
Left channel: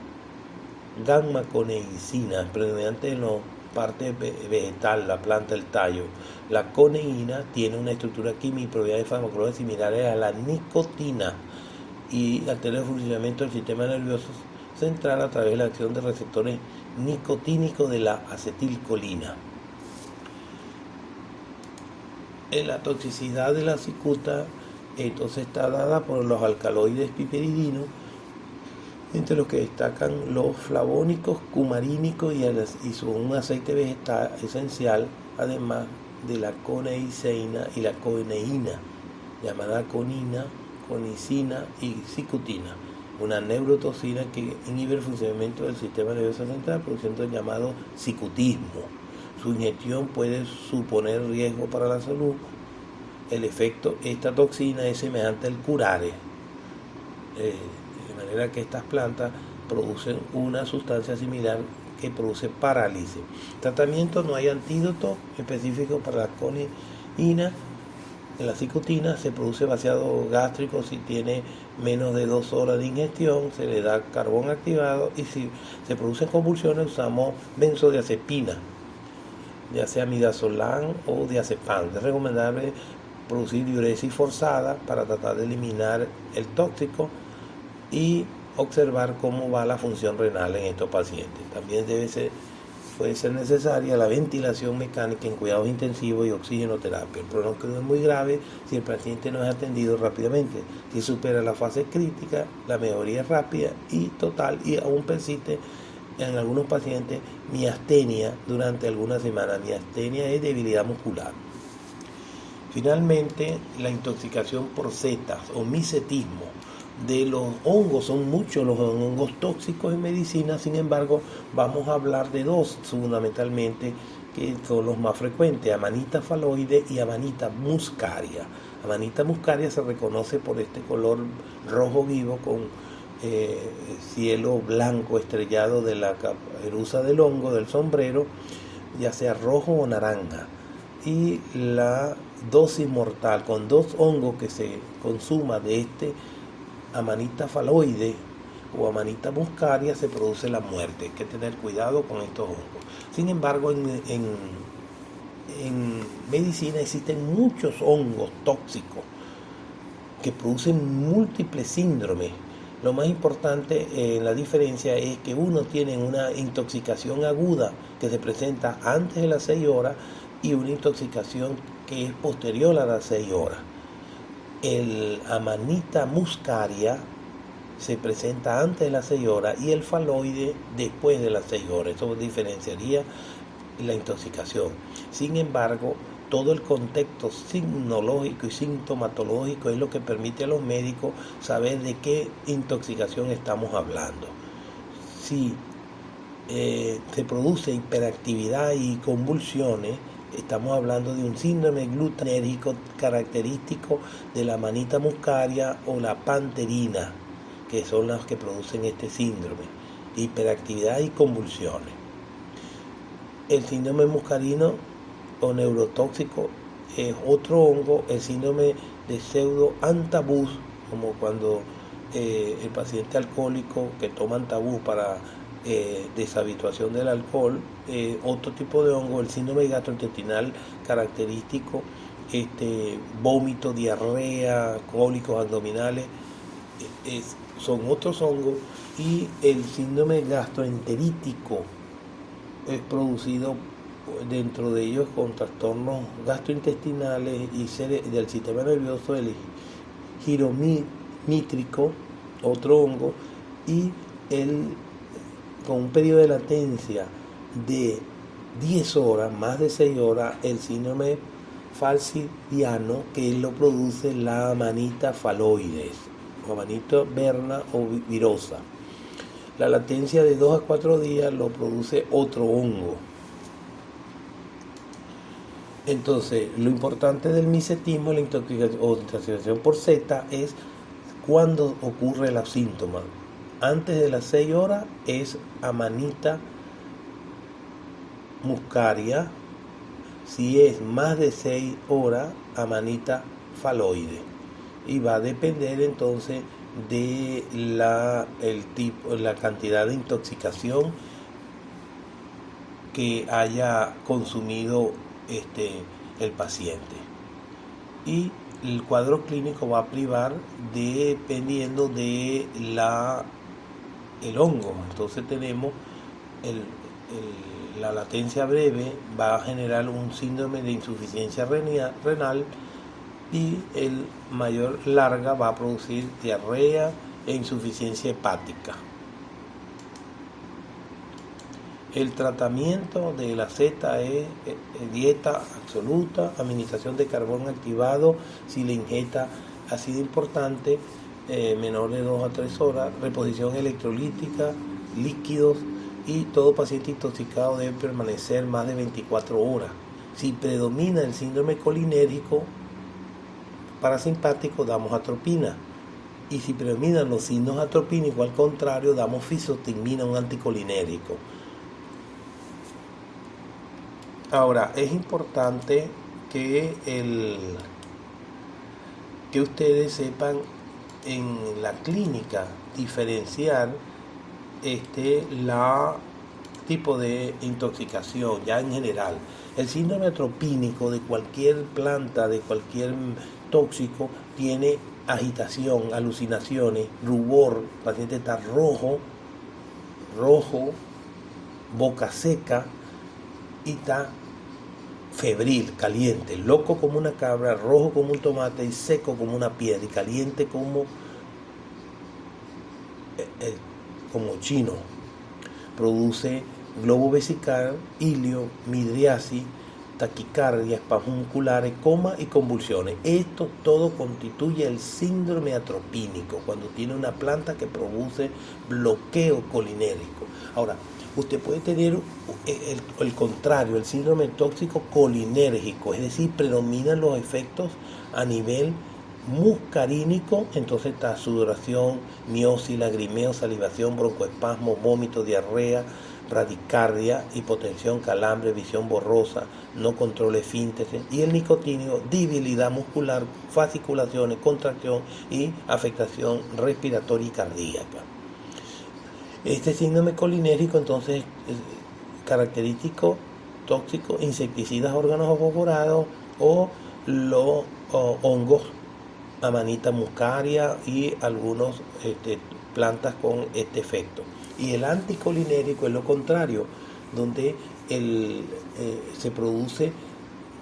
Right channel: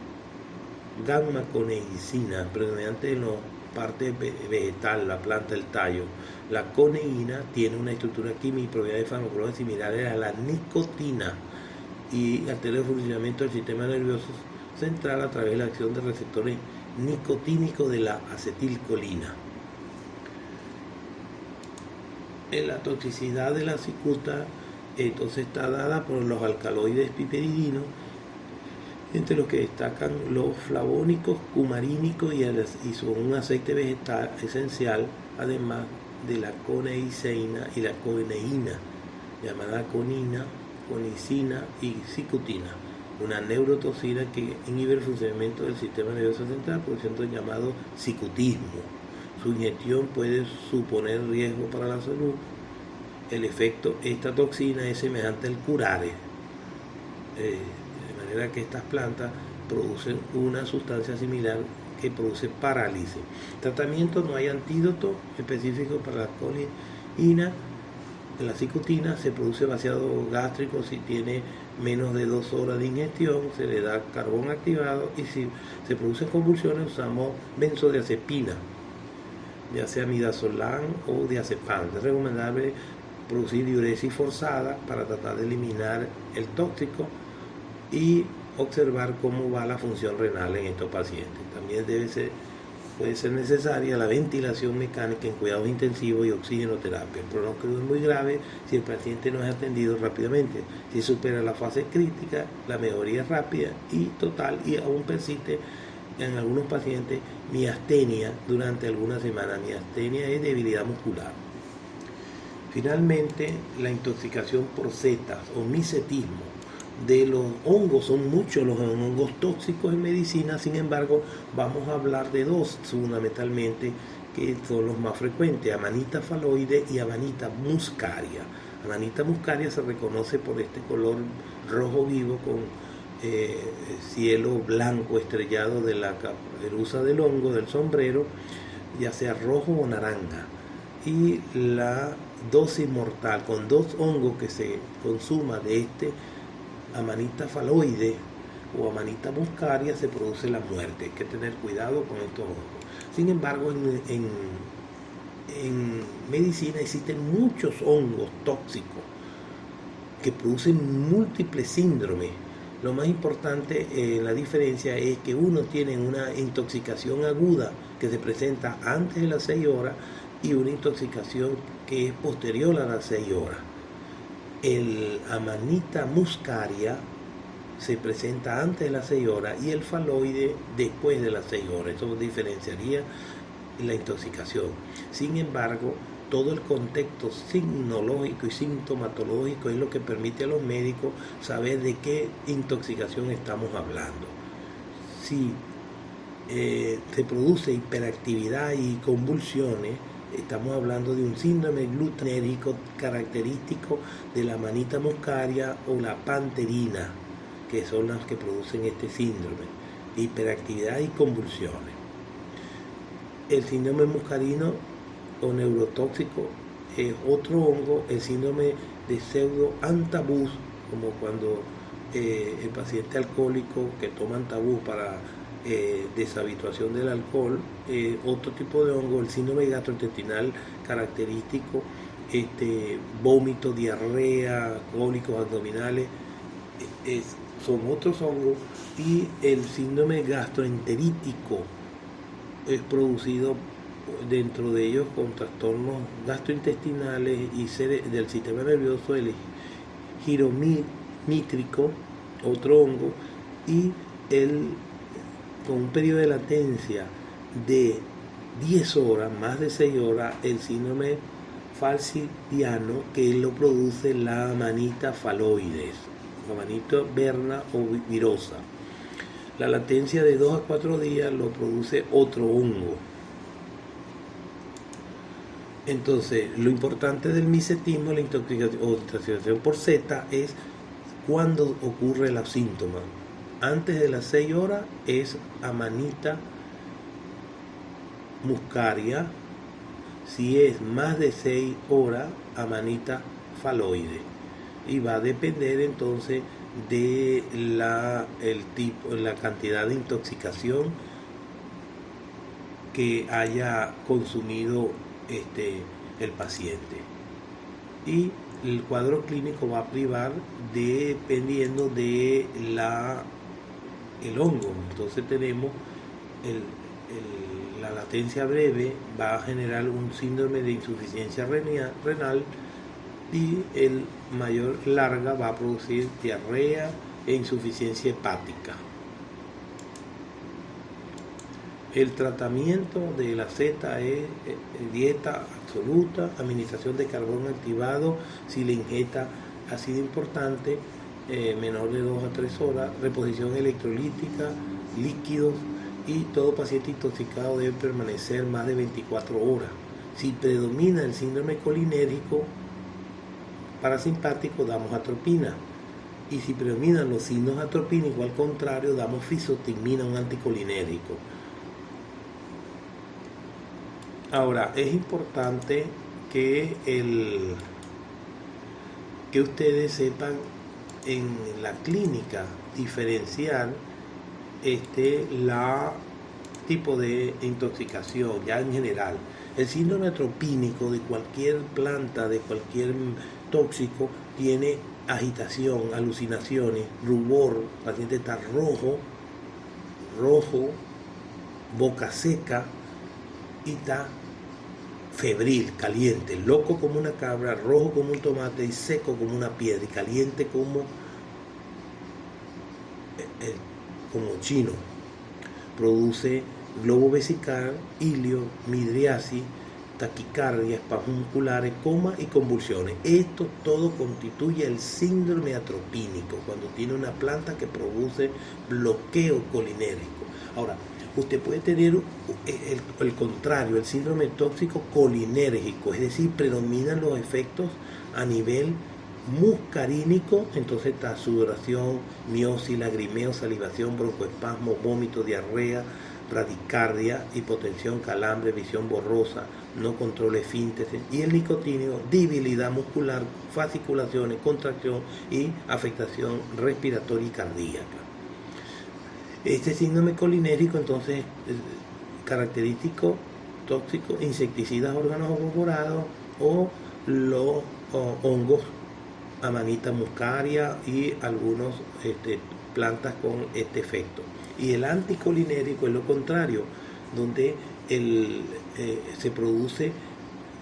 gamma-coneicina, predominante en la parte vegetal, la planta, el tallo. La coneína tiene una estructura química y propiedades farmacológicas similares a la nicotina y altera el funcionamiento del sistema nervioso central a través de la acción de receptores nicotínicos de la acetilcolina. La toxicidad de la cicuta entonces está dada por los alcaloides piperidinos, entre los que destacan los flavónicos, cumarínicos y son un aceite vegetal esencial, además de la coneiceína y la coneína, llamada conina, conicina y cicutina, una neurotoxina que inhibe el funcionamiento del sistema nervioso central, produciendo el llamado cicutismo. Su inyección puede suponer riesgo para la salud. El efecto de esta toxina es semejante al curare, de manera que estas plantas producen una sustancia similar que produce parálisis. Tratamiento: no hay antídoto específico para la coneína. En la cicutina se produce vaciado gástrico si tiene menos de 2 horas de ingestión, se le da carbón activado, y si se producen convulsiones usamos benzodiazepina, ya sea midazolam o diazepam. Es recomendable producir diuresis forzada para tratar de eliminar el tóxico y observar cómo va la función renal en estos pacientes. También puede ser necesaria la ventilación mecánica en cuidados intensivos y oxigenoterapia. El pronóstico es muy grave si el paciente no es atendido rápidamente. Si supera la fase crítica, la mejoría es rápida y total, y aún persiste en algunos pacientes miastenia durante algunas semanas. Miastenia es debilidad muscular. Finalmente, la intoxicación por setas o misetismo de los hongos. Son muchos los hongos tóxicos en medicina, sin embargo, vamos a hablar de dos fundamentalmente, que son los más frecuentes: Amanita phalloide y Amanita muscaria. Amanita muscaria se reconoce por este color rojo vivo con cielo blanco estrellado de la caperuza del hongo, del sombrero, ya sea rojo o naranja. y la dosis mortal con 2 hongos que se consuma de este Amanita phalloides o Amanita muscaria, se produce la muerte. Hay que tener cuidado con estos hongos. Sin embargo, en medicina existen muchos hongos tóxicos que producen múltiples síndromes. Lo más importante en la diferencia es que uno tiene una intoxicación aguda que se presenta antes de las 6 horas y una intoxicación que es posterior a las 6 horas. El Amanita muscaria se presenta antes de las 6 horas y el faloide después de las 6 horas. Eso diferenciaría la intoxicación. Sin embargo, todo el contexto signologico y sintomatológico es lo que permite a los médicos saber de qué intoxicación estamos hablando. Si se produce hiperactividad y convulsiones, estamos hablando de un síndrome glutinérgico característico de la Amanita muscaria o la panterina, que son las que producen este síndrome, hiperactividad y convulsiones. El síndrome muscarino o neurotóxico es otro hongo, el síndrome de pseudoantabús, como cuando el paciente alcohólico que toma antabús para deshabituación del alcohol, otro tipo de hongo, el síndrome gastrointestinal característico, vómito, diarrea, cólicos abdominales, son otros hongos, y el síndrome gastroenterítico es producido dentro de ellos con trastornos gastrointestinales y del sistema nervioso, el gironítrico, otro hongo, y con un periodo de latencia de 10 horas, más de 6 horas, el síndrome falcidiano, que lo produce la Amanita phalloides, o Amanita verna o virosa. La latencia de 2 a 4 días lo produce otro hongo. Entonces, lo importante del micetismo, la intoxicación por Z, es cuando ocurre los síntomas. Antes de las 6 horas es Amanita muscaria. Si es más de 6 horas, Amanita phalloides. Y va a depender entonces de la cantidad de intoxicación que haya consumido el paciente. Y el cuadro clínico va a privar dependiendo de el hongo. Entonces tenemos la latencia breve, va a generar un síndrome de insuficiencia renal, y el mayor larga va a producir diarrea e insuficiencia hepática. El tratamiento de la Z es dieta absoluta, administración de carbón activado si le inyecta ácido importante, menor de 2 a 3 horas, reposición electrolítica, líquidos, y todo paciente intoxicado debe permanecer más de 24 horas. Si predomina el síndrome colinérico parasimpático, damos atropina. Y si predominan los signos atropínicos, al contrario, damos fisotimina, un anticolinérico. Ahora, es importante que ustedes sepan en la clínica diferenciar la tipo de intoxicación ya en general. El síndrome atropínico de cualquier planta, de cualquier tóxico, tiene agitación, alucinaciones, rubor, el paciente está rojo, boca seca, y está febril, caliente, loco como una cabra, rojo como un tomate y seco como una piedra, y caliente como chino. Produce globo vesical, ilio, midriasis, taquicardia, espasmos musculares, coma y convulsiones. Esto todo constituye el síndrome atropínico, cuando tiene una planta que produce bloqueo colinérico. Ahora, usted puede tener el contrario, el síndrome tóxico colinérgico, es decir, predominan los efectos a nivel muscarínico. Entonces está sudoración, miosis, lagrimeo, salivación, broncoespasmo, vómito, diarrea, bradicardia, hipotensión, calambre, visión borrosa, no controla esfínteres, y el nicotínico, debilidad muscular, fasciculaciones, contracción y afectación respiratoria y cardíaca. Este síndrome colinérico entonces es característico, tóxico, insecticidas, órganos ovoporados o los hongos, Amanita muscaria y algunos plantas con este efecto. Y el anticolinérico es lo contrario, donde se produce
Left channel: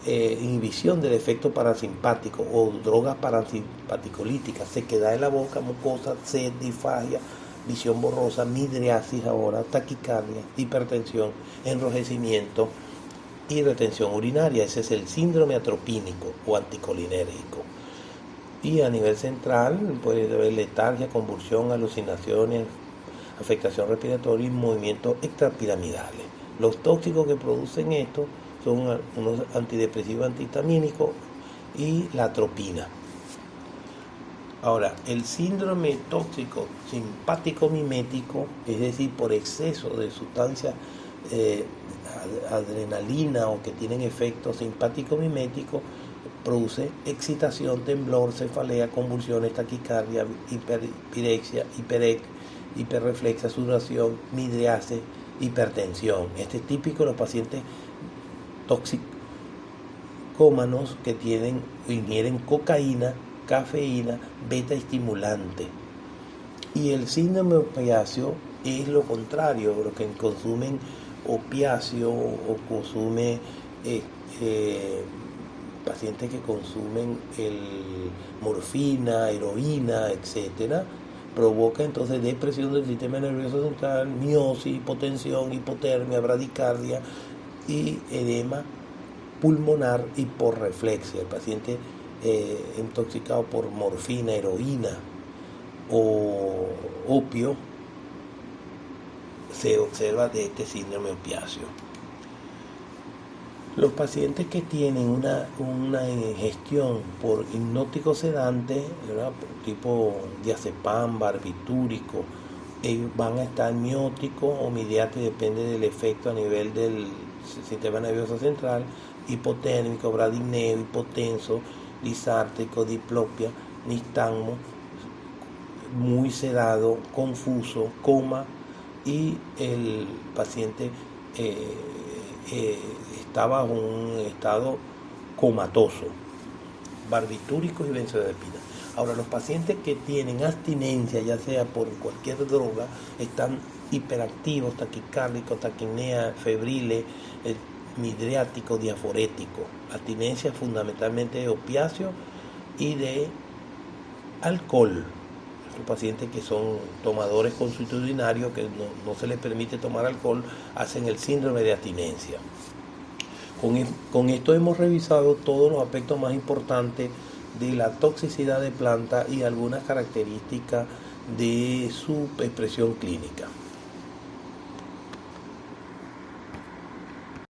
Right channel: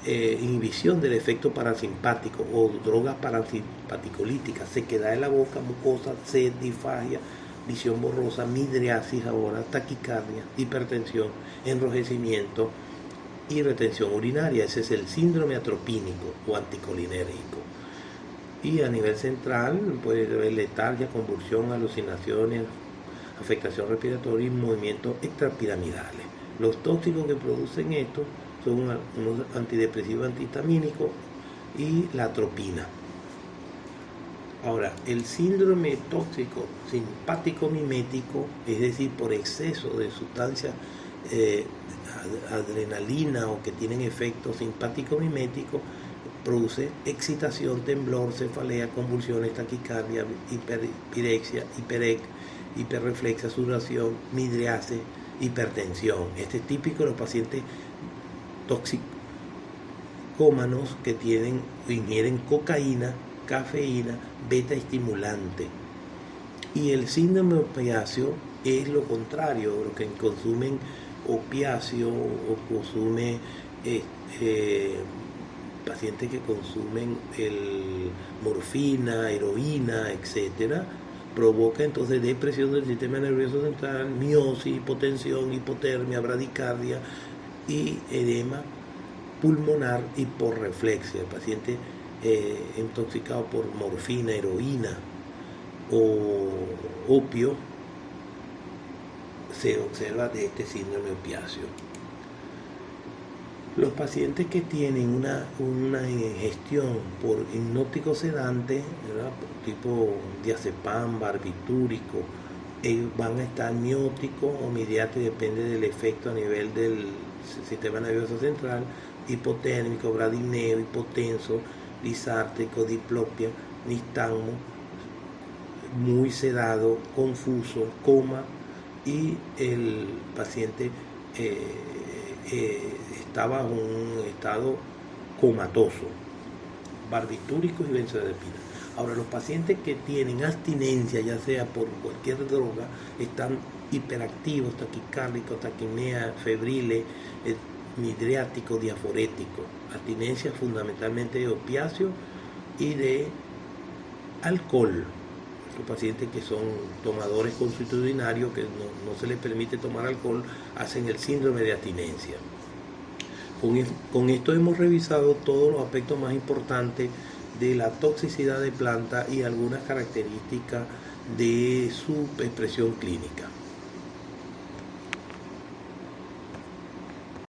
inhibición del efecto parasimpático o drogas parasimpaticolíticas, sequedad de la boca, mucosa, sed, disfagia, visión borrosa, midriasis ahora, taquicardia, hipertensión, enrojecimiento y retención urinaria. Ese es el síndrome atropínico o anticolinérico. Y a nivel central puede haber letargia, convulsión, alucinaciones, afectación respiratoria y movimientos extrapiramidales. Los tóxicos que producen esto son unos antidepresivos antihistamínicos y la atropina. Ahora, el síndrome tóxico simpático mimético, es decir, por exceso de sustancias adrenalina o que tienen efectos simpático miméticos, produce excitación, temblor, cefalea, convulsiones, taquicardia, hiperpirexia, hiperreflexia, sudoración, midriasis, hipertensión. Este es típico de los pacientes toxicómanos que ingieren cocaína, cafeína, beta estimulante. Y el síndrome opiáceo es lo contrario, los que consumen opiáceo o consumen pacientes que consumen morfina, heroína, etcétera, provoca entonces depresión del sistema nervioso central, miosis, hipotensión, hipotermia, bradicardia y edema pulmonar y por reflexia. El paciente intoxicado por morfina, heroína o opio se observa de este síndrome opiáceo. Los pacientes que tienen una ingestión por hipnótico sedante, ¿verdad?, tipo diazepam, barbitúrico, van a estar mióticos o midiáticos, depende del efecto a nivel del sistema nervioso central, hipotérmico, bradineo, hipotenso, disártrico, diplopia, nistagmo, muy sedado, confuso, coma, y el paciente está bajo un estado comatoso, barbitúricos y benzodiazepinas. Ahora, los pacientes que tienen abstinencia, ya sea por cualquier droga, están hiperactivos, taquicárdicos, taquimia, febriles, midriáticos, diaforéticos. Abstinencia fundamentalmente de opiáceos y de alcohol. Los pacientes que son tomadores consuetudinarios, que no se les permite tomar alcohol, hacen el síndrome de abstinencia. Con esto hemos revisado todos los aspectos más importantes de la toxicidad de planta y algunas características de su expresión clínica.